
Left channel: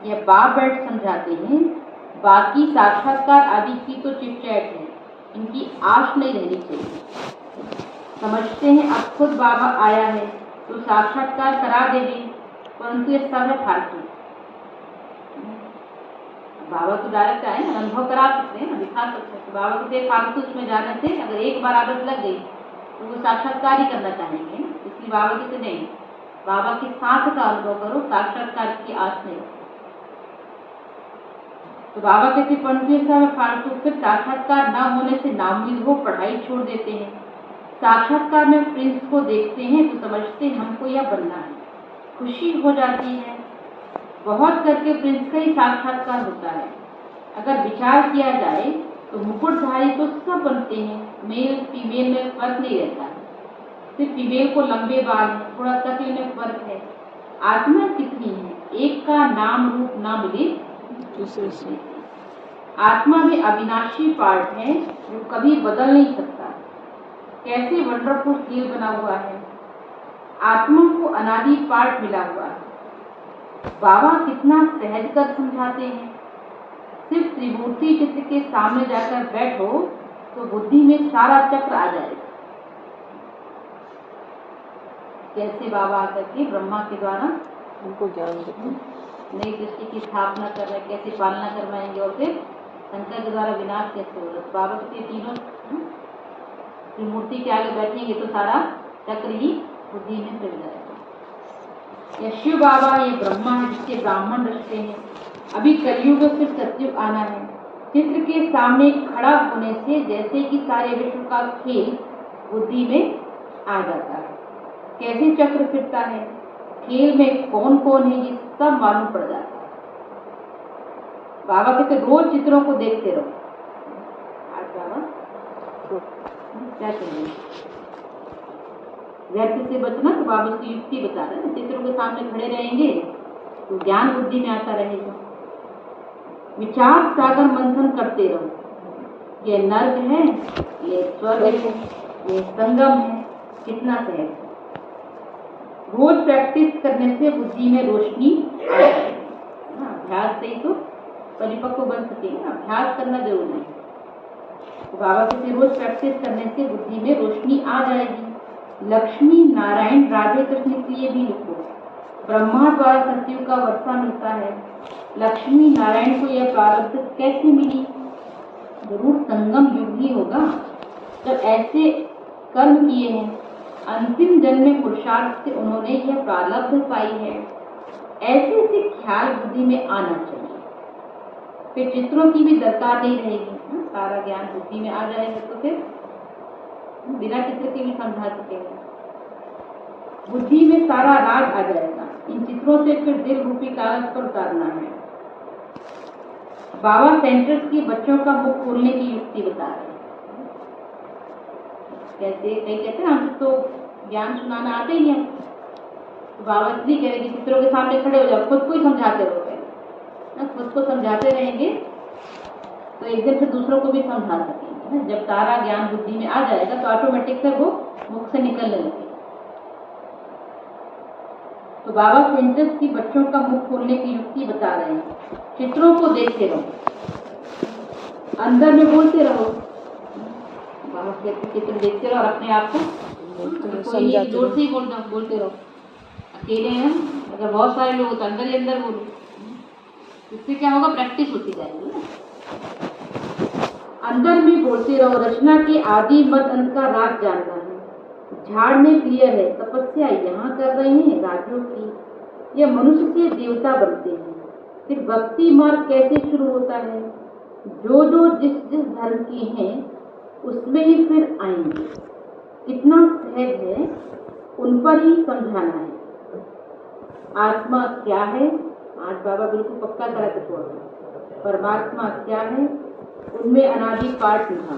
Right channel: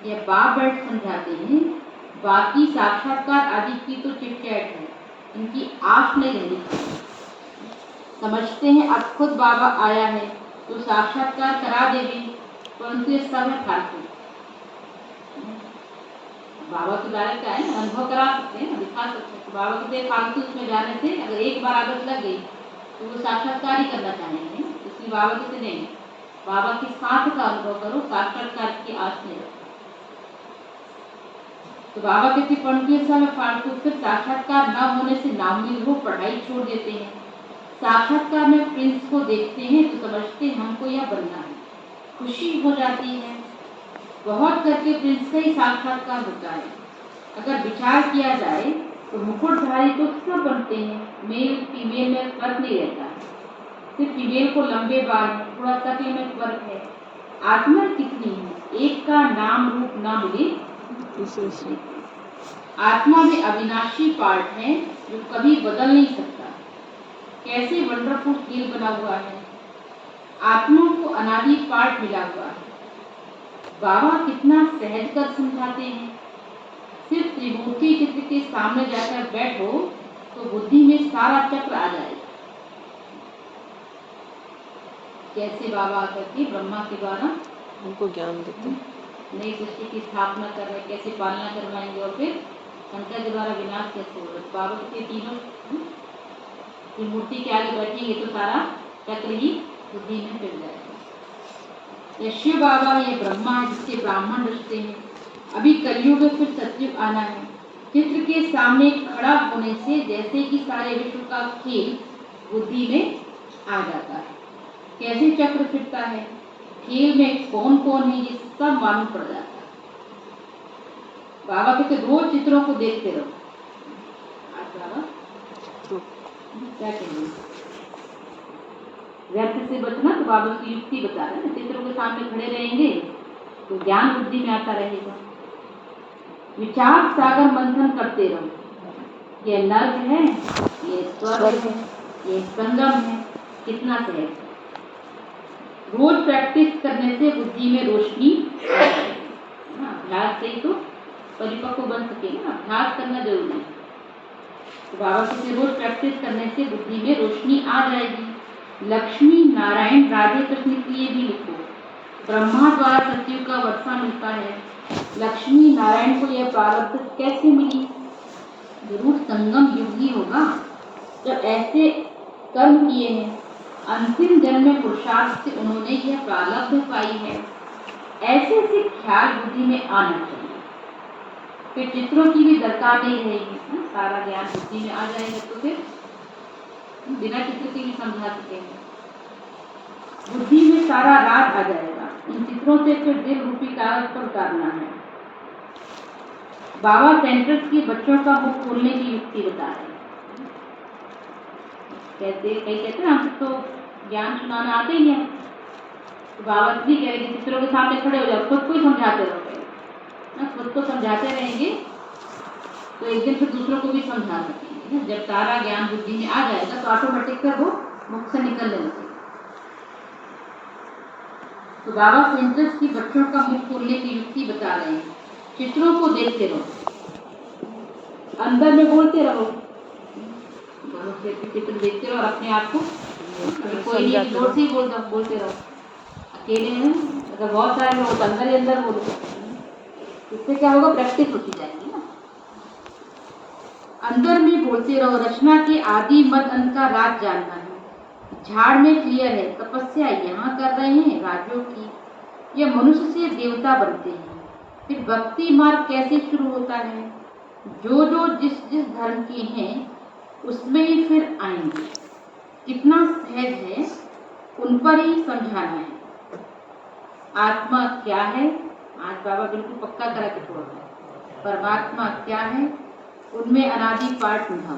यह बाप बैठ समझाते हैं। बाकी साक्षात्कार आदि की तो चिटचैट है, इनकी आश नहीं रहनी चाहिए। समझते हैं अब खुद बाबा आया है तो साक्षात्कार करा देंगे, परंतु ये सब है फालतू। बाबा के द्वारा क्या है ना, अनुभव करा सकते हैं ना, दिखा सकते हैं। तो बाबा के फालतू उसमें जाने से अगर एक बार आदत लग गई तो वो साक्षात्कार ही करना चाहेंगे। इसलिए बाबा के से नहीं, बाबा के साथ का अनुभव करो, साक्षात्कार की आस नहीं रखो। तो बाबा कहते परंतु ये सब फालतू। फिर साक्षात्कार न होने से नाउम्मीद हो पढ़ाई छोड़ देते हैं। साक्षात्कार में प्रिंस को देखते हैं तो समझते हैं हमको यह बनना है, खुशी हो जाती है। बहुत करके प्रिंस का ही साक्षात्कार होता है। अगर विचार किया जाए तो मुकुटधारी तो सब बनते हैं, मेल फीमेल में फर्क नहीं रहता। सिर्फ फीमेल को लंबे बाल हैं, थोड़ा शक्ल में फर्क है। आत्मा कितनी है, एक का नाम रूप ना मिले दूसरे से। आत्मा में अविनाशी पार्ट है जो कभी बदल नहीं सकता। कैसे वंडरफुल खेल बना हुआ है। आत्मा को अनादि पार्ट मिला हुआ है। बाबा कितना सहज कर समझाते हैं। सिर्फ त्रिमूर्ति चित्र के सामने जाकर बैठो तो बुद्धि में सारा चक्र आ जाएगा। कैसे बाबा आकर के ब्रह्मा के द्वारा उनको ज्ञान देते, नई सृष्टि की स्थापना कर रहे, कैसे पालना करवाएंगे और फिर शंकर के द्वारा विनाश कैसे होगा। तो बाबा के तीनों मूर्ति के आगे बैठेंगे तो सारा चक्र ही बुद्धि में फिर जाएगा। यह शिव बाबा है, ये ब्रह्मा है जिसके ब्राह्मण रचते हैं। अभी कलयुग फिर सतयुग आना है। चित्र के सामने खड़ा होने से जैसे कि सारे विश्व का खेल बुद्धि में आ जाता है। कैसे चक्र फिरता है, खेल में कौन कौन है, ये सब मालूम पड़ जाता है। बाबा कहते रोज चित्रों को देखते रहो। आज बाबा क्या कहेंगे, व्यर्थ से बचना। तो बाबा की युक्ति बता रहे हैं, चित्रों के सामने खड़े रहेंगे तो ज्ञान बुद्धि में आता रहेगा। विचार सागर मंथन करते रहो, ये नर्क है, ये स्वर्ग है, ये संगम है, कितना सहज है। रोज प्रैक्टिस करने से बुद्धि में रोशनी आ जाएगी। अभ्यास से ही तो परिपक्व बन सकेगा, अभ्यास करना जरूरी है। तो बाबा से रोज प्रैक्टिस करने से बुद्धि में रोशनी आ जाएगी। लक्ष्मी नारायण राधे कृष्ण के लिए भी लिखो। ब्रह्मा द्वारा सतयुग का वर्षा मिलता है, लक्ष्मी नारायण को यह प्रारब्ध कैसे मिली? जरूर संगम युग ही होगा, जब ऐसे कर्म किए हैं, अंतिम जन्म में पुरुषार्थ से उन्होंने यह प्रारब्ध पाई है। ऐसे ऐसे ख्याल बुद्धि में आना चाहिए। फिर चित्रों की भी दरकार नहीं रहेगी, सारा ज्ञान बुद्धि में आ जाएगा तो फिर बिना चित्र के भी समझा सकेंगे। बुद्धि में सारा राज आ जाएगा। इन चित्रों से फिर दिल रूपी कागज पर उतारना है। बाबा सेंटर्स की बच्चों का मुख खोलने की युक्ति बता रहे हैं। कैसे? कई कहते हैं हम तो ज्ञान सुनाना आते ही है, तो बाबा भी कह रहे कि चित्रों के सामने खड़े हो जाओ, खुद को ही समझाते रहो। खुद को समझाते रहेंगे तो एक दिन फिर दूसरों को भी समझा सकेंगे। जब सारा ज्ञान बुद्धि में आ जाएगा तो ऑटोमेटिक फिर वो मुख से निकलने लगेगा। तो बाबा सेंटर्स की बच्चों का मुख खोलने की युक्ति बता रहे हैं। चित्रों को देखते रहो, अंदर में बोलते रहो। बाबा कहते चित्र देखते रहो और अपने आप को समझाते रहो, बोलते रहो। अकेले हैं मतलब बहुत सारे लोग तो अंदर ही अंदर बोलो, इससे क्या होगा? प्रैक्टिस होती जाएगी ना। अंदर में बोलते रहो। रचना के आदि मत अंत का राज जानना है। झाड़ में क्लियर है, तपस्या यहाँ कर रहे हैं राजों की। ये मनुष्य से देवता बनते हैं। फिर भक्ति मार्ग कैसे शुरू होता है? जो जो जिस जिस धर्म के हैं उसमें ही फिर आएंगे। कितना सहज है, उन पर ही समझाना है। आत्मा क्या है? आज बाबा बिल्कुल पक्का करा के छोड़ रहे हैं। परमात्मा क्या है? उनमें अनादि पाठ निभा।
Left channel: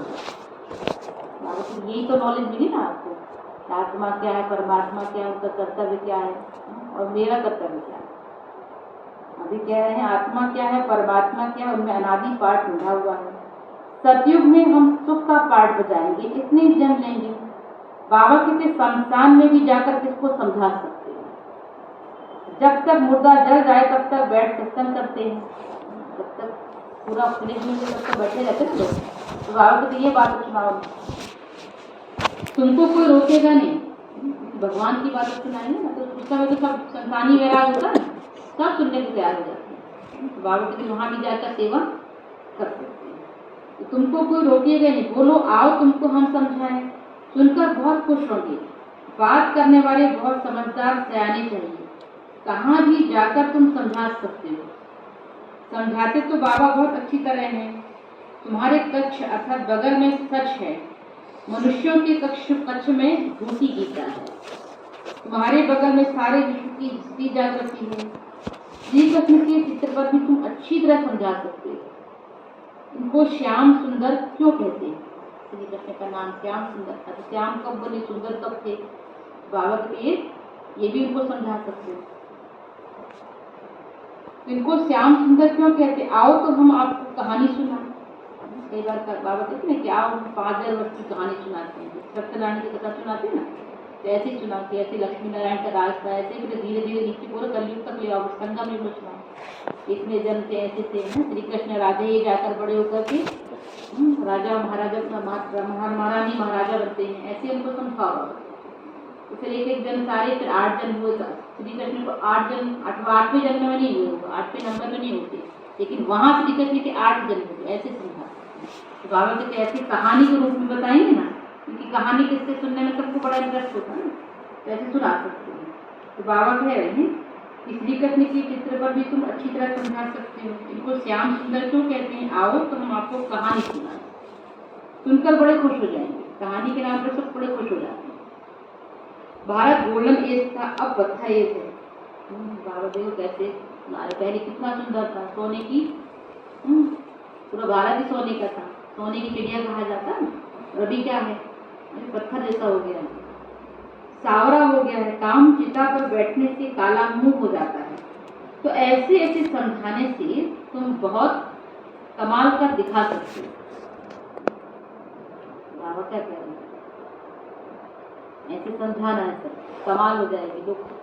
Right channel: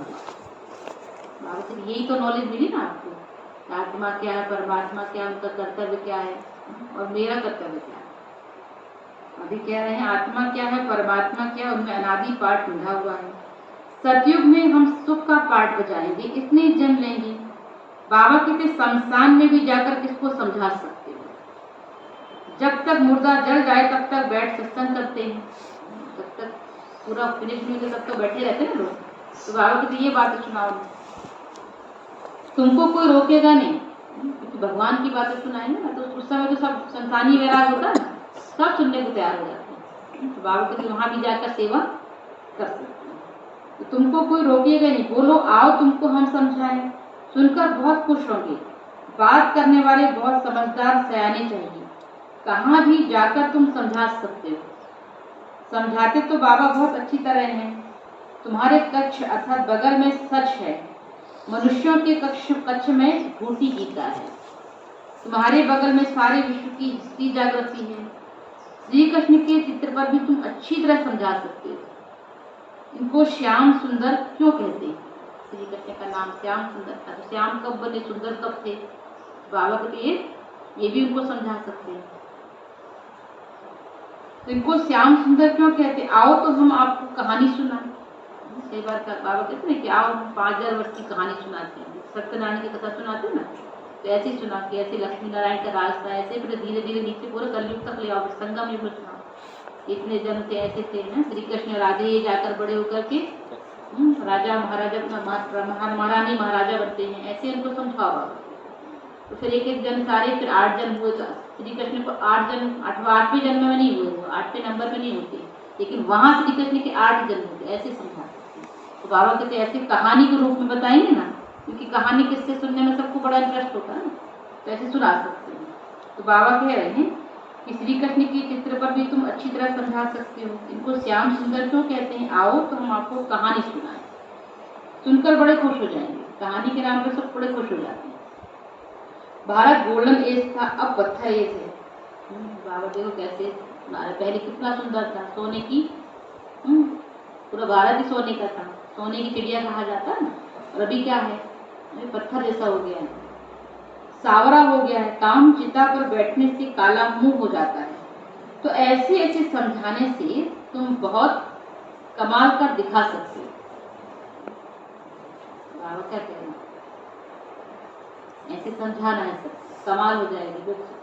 बाबा को यही तो नॉलेज मिली ना आपको। आत्मा क्या है, परमात्मा क्या है, उनका कर्तव्य क्या है और मेरा कर्तव्य क्या है। अभी कह रहे हैं आत्मा क्या है, परमात्मा क्या है, उनमें अनादि पाठ निभा हुआ है। सतयुग में हम सुख का पाठ बजाएंगे, इतने जन लेंगे। बाबा कहते शमशान में भी जाकर किसको समझा सकते हो? जब तक मुर्दा जल जाए तब तक बैठ सत्संग करते हैं, जब तक पूरा फिनिश नहीं हो तब तक बैठे रहते हैं लोग। तो बाबा कहते ये बात सुनाओ, तुमको कोई रोकेगा नहीं, भगवान की बातें सुनाएंगे ना। तो उस समय तो सब संतानी वैराग होता है ना, सब सुनने को तैयार हो जाते हैं। तो बाबा कहते वहां भी जाकर सेवा कर सकते हैं। तो तुमको कोई रोकेगा नहीं, बोलो आओ तुमको हम समझाएं। सुनकर बहुत खुश होंगे। बात करने वाले बहुत समझदार सयाने चाहिए, कहाँ भी जाकर तुम समझा सकते हो। समझाते तो बाबा बहुत अच्छी तरह हैं। तुम्हारे कक्ष अर्थात बगल में सच है, मनुष्यों के कक्ष में झूठी गीता है। तुम्हारे बगल में सारे विश्व की हस्ती जागृति है। श्री कृष्ण के चित्र पर भी तुम अच्छी तरह समझा सकते हो। इनको श्याम सुंदर क्यों कहते हैं? श्री कृष्ण का नाम श्याम सुंदर था, तो श्याम कब बने, सुंदर कब थे? बाबा के लिए ये भी उनको समझा सकते हैं। तो इनको श्याम सुंदर क्यों कहते? आओ तो हम आपको कहानी सुनाएं। कई बार बाबा कहते हैं कि आओ हम 5000 वर्ष की कहानी सुनाते हैं, सत्यनारायण की कथा सुनाते हैं ना, तो ऐसे ही सुना के ऐसे लक्ष्मी नारायण का राज था, ऐसे फिर धीरे धीरे नीचे पूरे कलयुग तक ले आओ, संगम युग में सुनाओ। इतने जन्म थे, ऐसे थे ना श्री कृष्ण राधे ये जाकर बड़े होकर के राजा महाराजा महारानी महाराजा बनते हैं, ऐसे उनको समझाओ बाबा। तो फिर एक एक जन्म सारे फिर 8 जन्म हुए। श्री कृष्ण को 8 जन्म 8वें जन्म में नहीं हुए, 8वें नंबर में नहीं होते, लेकिन वहाँ श्री कृष्ण के 8 जन्म होते, ऐसे समझाते हैं। तो बाबा कहते ऐसे कहानी के रूप में बताएंगे ना, क्योंकि कहानी किससे सुनने में सबको बड़ा इंटरेस्ट होता है ना, तो ऐसे सुना सकते हैं। तो बाबा कह रहे हैं कि श्री कृष्ण के चित्र पर भी तुम अच्छी तरह समझा सकते हो। इनको श्याम सुंदर क्यों कहते हैं? आओ तो हम आपको कहानी सुनाएं। सुनकर बड़े खुश हो जाएंगे, कहानी के नाम पर सब बड़े खुश हो जाते हैं। भारत गोल्डन एज था, अब पत्थर एज है। बाबा देखो कैसे पहले कितना सुंदर था, सोने की पूरा भारत ही सोने का था, सोने की चिड़िया कहा जाता है ना। और अभी क्या है, पत्थर जैसा हो गया है, सावरा हो गया है। काम चिता पर बैठने से काला मुंह हो जाता है। तो ऐसे ऐसे समझाने से तुम बहुत कमाल कर दिखा सकते हो। बाबा क्या कह रहे हैं, ऐसे समझाना है, सब कमाल हो जाएगी,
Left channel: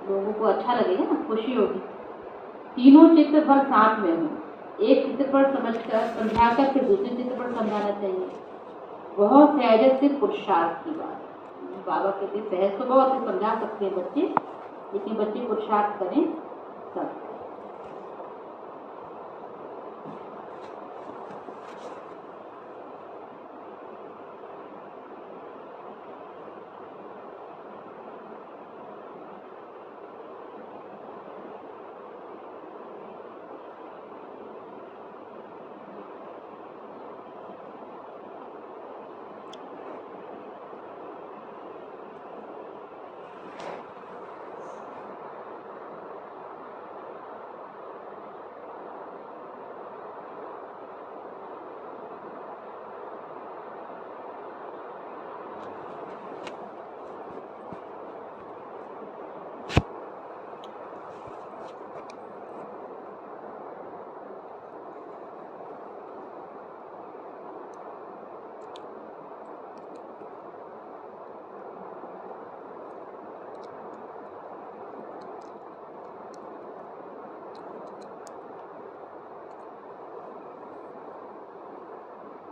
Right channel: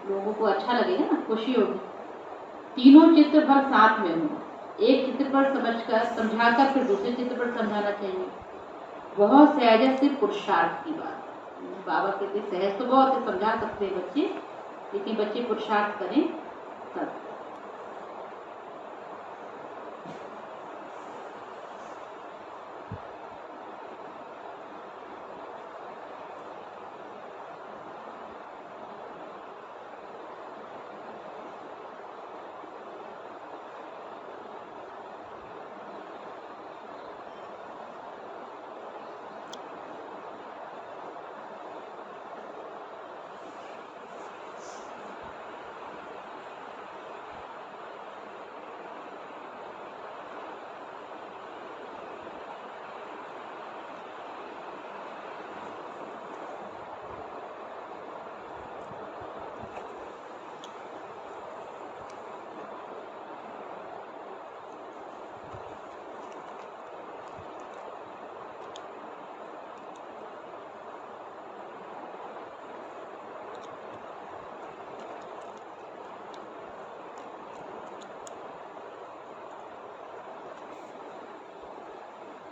लोगों को अच्छा लगेगा ना, खुशी होगी। तीनों चित्रपट साथ में हो, एक चित्रपट समझकर समझाकर फिर दूसरे चित्रपट समझाना चाहिए। बहुत सहज से पुरुषार्थ की बात। बाबा कहते सहज तो बहुत है, समझा सकते हैं बच्चे, लेकिन बच्चे पुरुषार्थ करें तब।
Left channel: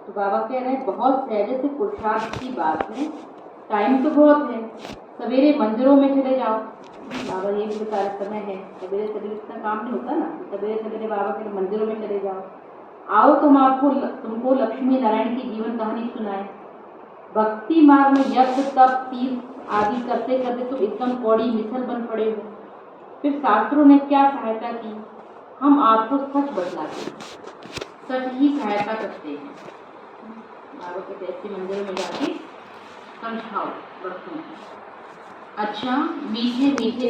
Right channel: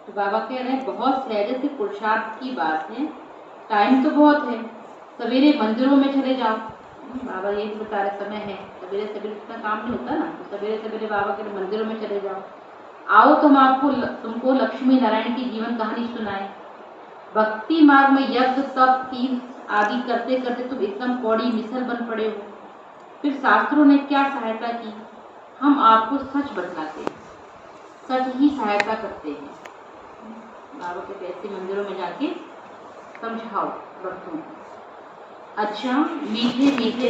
तो बाबा कह रहे हैं बहुत सहज से पुरुषार्थ की बात है, टाइम तो बहुत है, सवेरे मंदिरों में चले जाओ। बाबा ये बता रहे समय है, सवेरे सवेरे इतना काम नहीं होता ना, तो सवेरे सवेरे बाबा कह रहे मंदिरों में चले जाओ। आओ तुमको लक्ष्मी नारायण की जीवन कहानी सुनाए। भक्ति मार्ग में यज्ञ तप तीर्थ आदि करते करते तुम एकदम कौड़ी मिसल बन पड़े हो। फिर शास्त्रों ने क्या सहायता की, हम आपको सच बतलाते हैं, सच ही सहायता करते हैं। बाबा के ऐसे मंदिरों में जाके समझाओ भक्तों को। अच्छा, मीठे मीठे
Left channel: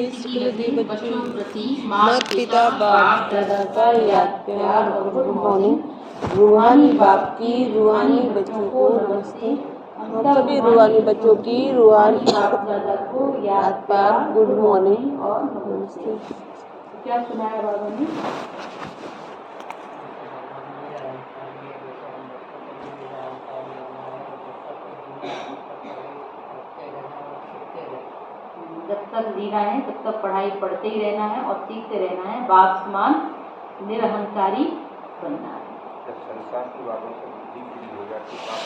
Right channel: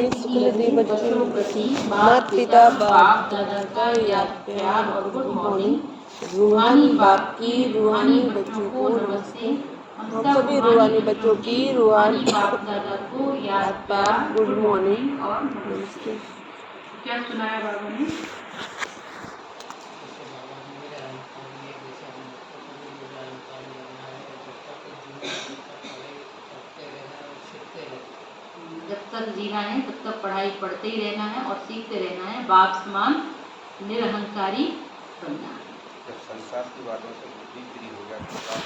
बच्चों प्रति माता पिता बाप दादा का याद प्यार और गुड मॉर्निंग। रूहानी बाप की रूहानी बच्चों को नमस्ते। हम सभी रूहानी बच्चों की रूहानी बाप दादा को याद प्यार गुड मॉर्निंग और नमस्ते। क्या सुनाया बाबा ने? जब तक जीना है तब तक पढ़ाई पढ़ते ही रहना है और सीखते रहना है, बाप समान निरहंकारी बनना है। जब संसार की बातों से बुद्धि फ्री हो जाती है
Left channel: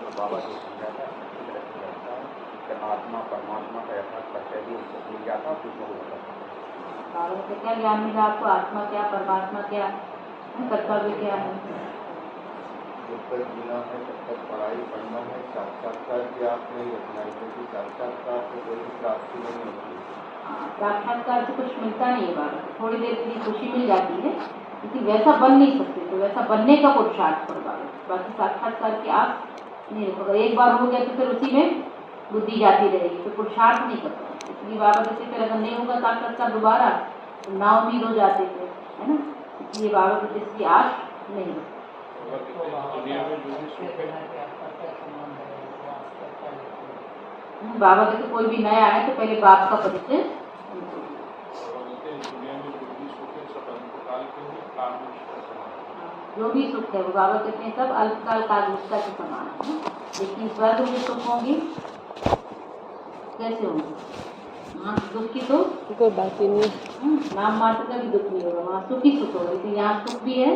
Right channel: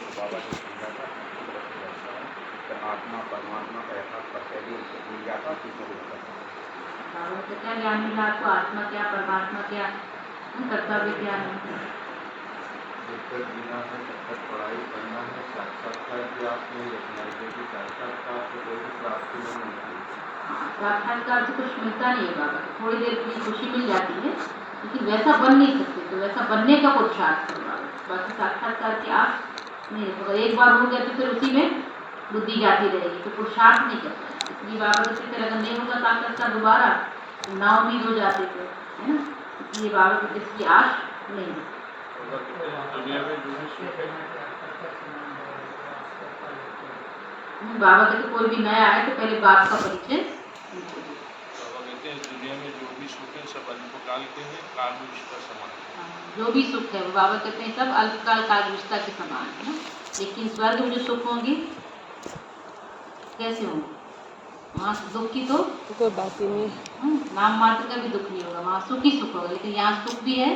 तो बाबा जो समझाता है उसी तरह से रहता है। जब आत्मा परमात्मा का यथार्थ परिचय भी उनको मिल जाता है तो हो जाता है। बाबा से क्या ज्ञान मिला आपको, आत्मा क्या परमात्मा क्या, कर्तव्य क्या है? जब तक जीना है तब तक पढ़ाई करना है, साक्षात्कार की आस नहीं रखना है, क्योंकि साक्षात्कार से कोई भी प्राप्ति नहीं होती। साक्षात्कार से कुछ मिलता नहीं है बाबा, थोड़ी देर के लिए खुशी मिल जाती है, लेकिन वैसा बन नहीं सकते, तो वैसा बनने का पुरुषार्थ करो बाबा। बाकी साक्षात्कार की आस नहीं रखो, एक बार हो गया तो फिर उसी में बुद्धि जाती रहेगी, तो पुरुषार्थ नहीं करता। इसलिए बाबा कहते थे अगर नहीं होगा साक्षात्कार दोबारा तो ना उम्मीद हो जाते थे, है ना। इसलिए बाबा कहते इसकी आश नहीं होती। बाबा कहते कोई भी नया आए तो पहले बाप का परिचय। दुनिया में जो भी सुख है सब अल्पकाल के हैं, काल में उसका समान। जो भी सुख है वो बाबा कहते हैं सब अल्पकाल कालविष्टा के समान है, लेकिन स्वर्ग में जो सुख होंगे कैसे होंगे? वहाँ दुख की तो कोई बात ही नहीं, नाम मात्र का भी दुख नहीं होगा, वहाँ सुख ही सुख होगा, लेकिन यहाँ सुख भी है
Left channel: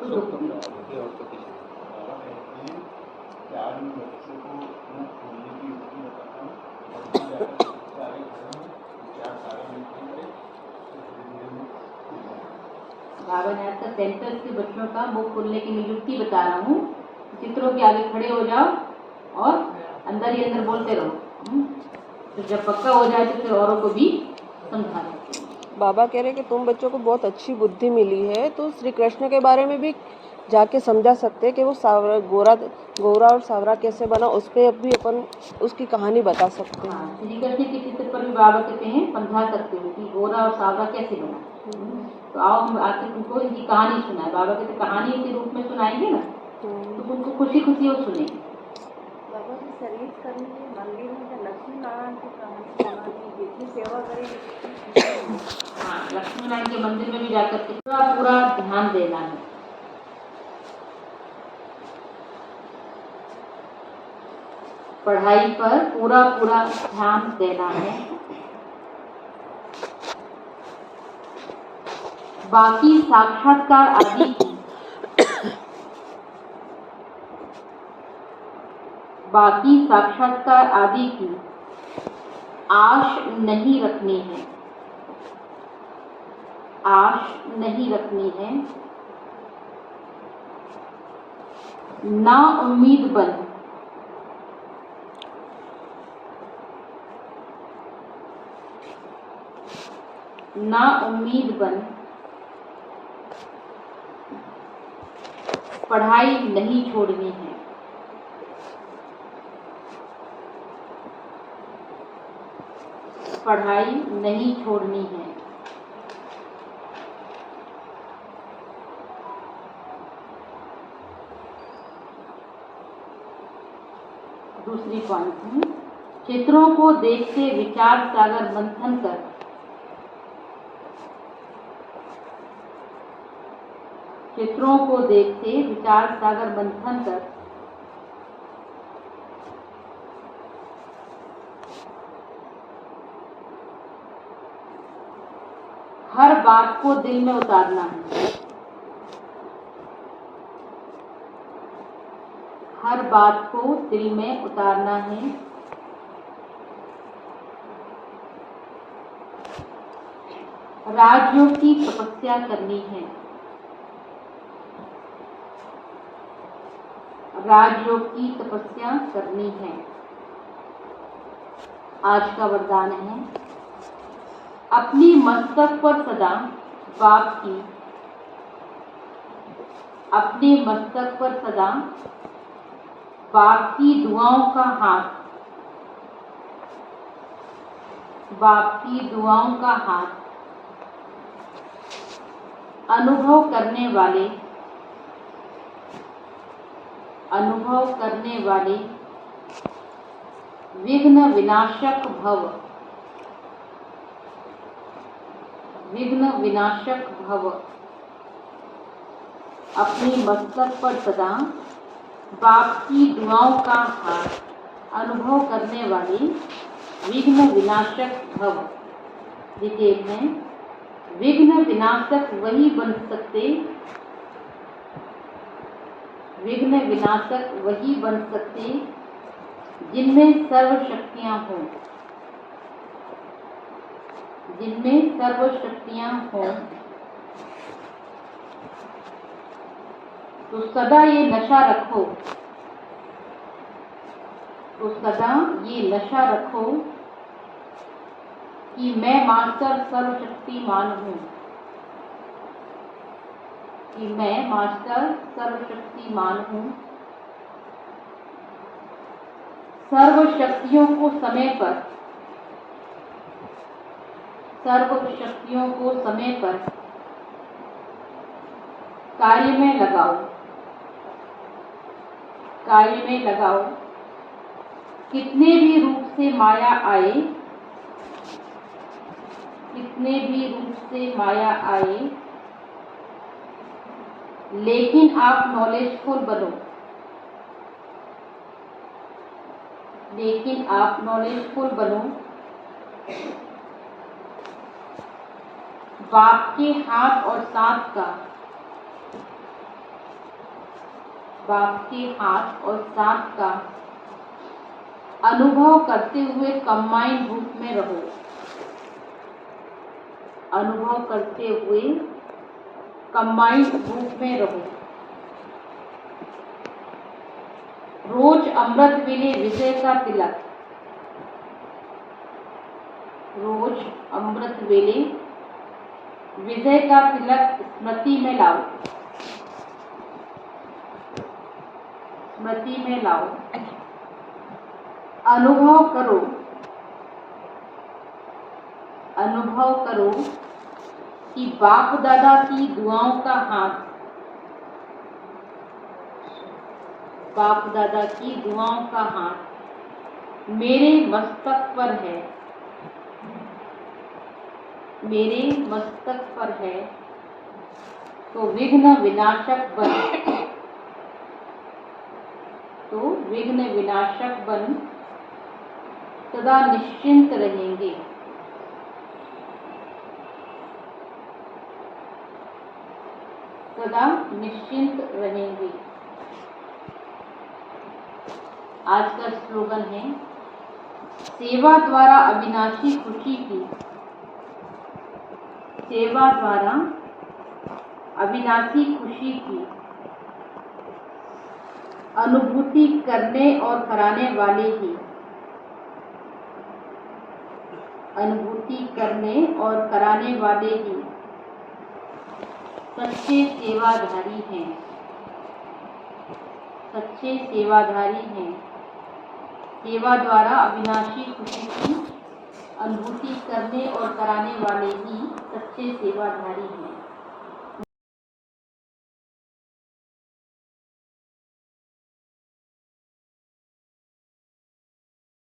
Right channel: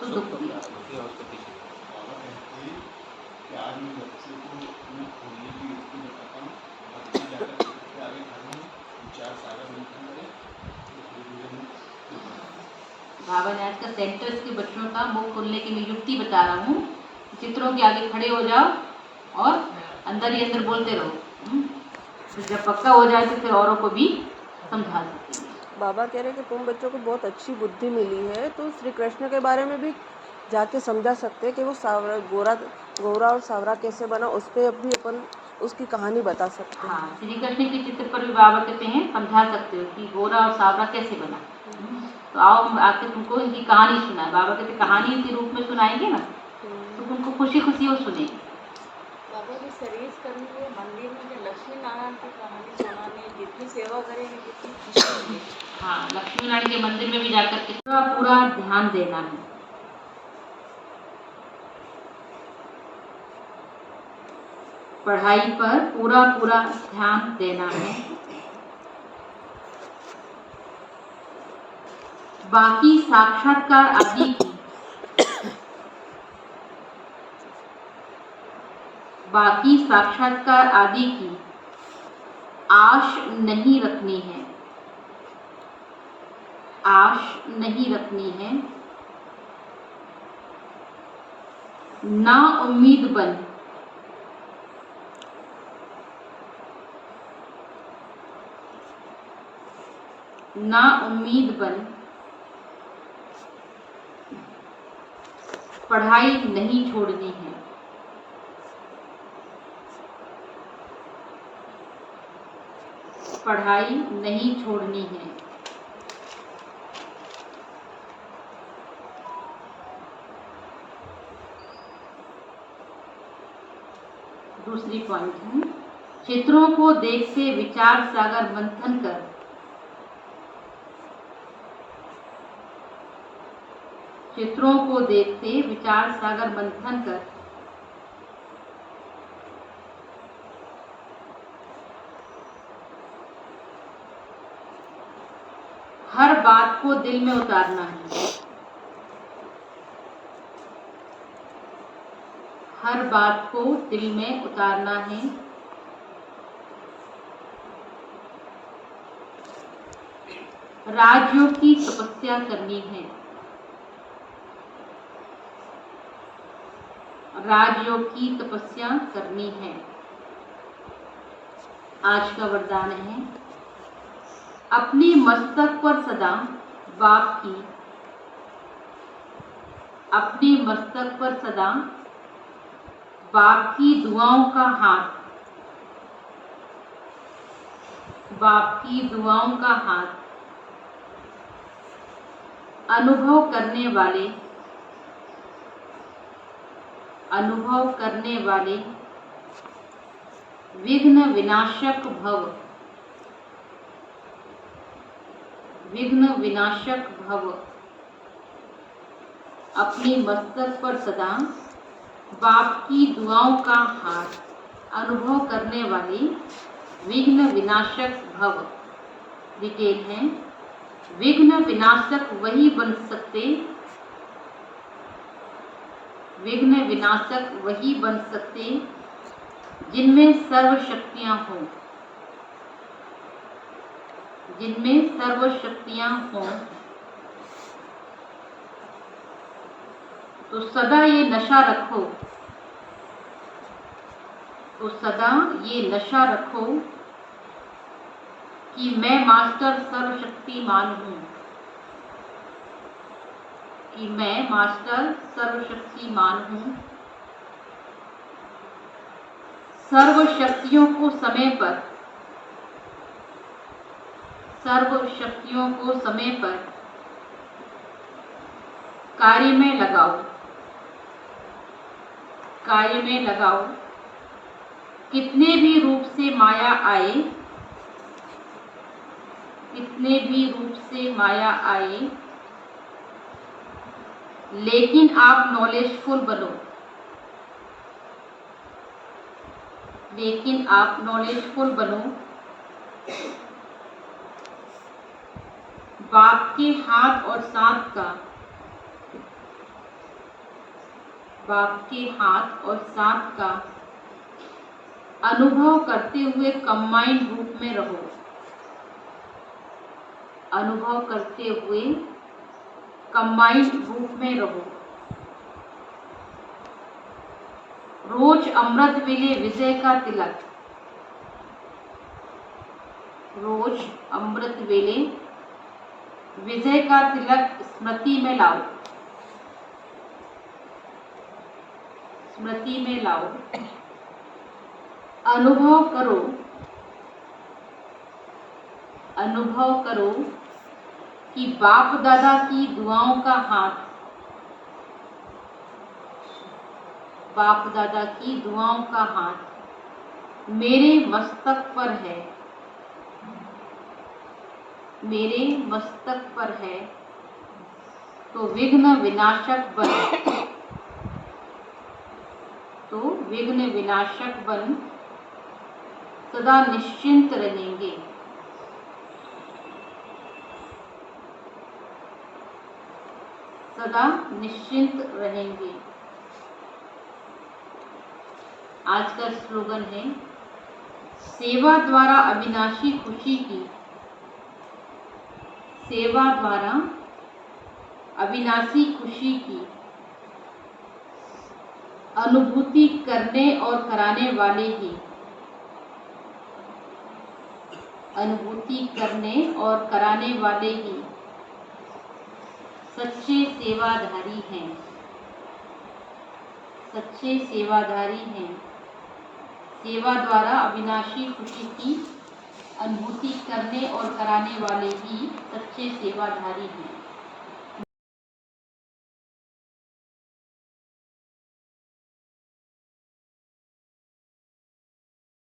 तो दुख भी है। बाबा ने आज का सेंटर्स के बच्चों का मुंह खोलने की मैं युक्ति बता रहा हूँ। चित्रों के आगे खड़े हो जाओ और अंदर ही अंदर बोलते रहो, तो जब पक्का हो जाए तो फिर औरों को भी समझा सकते हैं। बाबा कह रहे कि तुम बच्चों को बहुत अच्छी बुद्धि मिली है, तो श्री कृष्ण के बारे में भी जाके समझा सकते हैं कि वो सावरा गोरा और सावरा कैसे बना, उस पर भी अपन उसकी कहानी बता सकते हैं। हाँ, श्री कृष्ण के चित्र पर भी बाबा कहते हैं समझा सकते हो कि गोरा और सावरा कैसे बना। तो आओ हम आके तुमको इनकी कहानी सुनाए। बाबा कहते कहानी के रूप में सुनाएंगे ना तो तुमको खुशी खुशी वो सुनेंगे। बाबा सर्विस करने के मंदिर में क्या लक्ष्मी नारायण की कहानी सुनाने, जितनी सेवा करेंगे जितनी खुशी मिलेगी। हाँ, लक्ष्मी नारायण के मंदिर में भी जाकर के पूरा पूरा ध्यान देना है। पढ़ाई पर पूरा पूरा ध्यान देना है। बाकी साक्षात्कार आदि की आश नहीं रखनी है। ना उम्मीद बन पढ़ाई नहीं छोड़नी है। दूसरी पॉइंट है, चित्रों को देखते विचार सागर मंथन कर हर बात को दिल में उतारना है। राजयोग की तपस्या करनी है। आज का वरदान है, अपने मस्तक पर सदा बाप की दुआओं का हाथ अनुभव करने वाले विघ्न विनाशक भव अपनी मस्तक पर सदा बाप की दुआओं का हाथ अनुभव करने वाले विघ्न विनाशक भव। डिटेल है, विघ्न विनाशक वही बन सकते जिनमें सर्व शक्तियां हों। तो सदा ये नशा रखो कि मैं मास्टर सर्वशक्तिमान हूँ। सर्व शक्तियों को समय पर कार्य में लगाओ। कितने भी रूप से माया आए, लेकिन आप नॉलेजफुल बनो। बाप के हाथ और साथ का अनुभव करते हुए कंबाइंड रूप में रहो। रोज अमृत वेले विजय का तिलक स्मृति में लाओ। अनुभव करो कि बाप दादा की दुआओं का हाथ मेरे मस्तक पर है, मेरे मस्तक पर है, तो विघ्न विनाशक बन, तो विघ्न विनाशक बन सदा निश्चिंत रहेंगे। सदा निश्चिंत रहेंगे। आज का स्लोगन है, सेवा द्वारा अविनाशी खुशी की, सेवा द्वारा अविनाशी खुशी की अनुभूति करने और कराने वाले ही, अनुभूति करने और कराने वाले ही सच्चे सेवाधारी हैं, सच्चे सेवाधारी हैं। सेवा द्वारा अविनाशी खुशी की अनुभूति करने और कराने वाले ही सच्चे सेवाधारी हैं।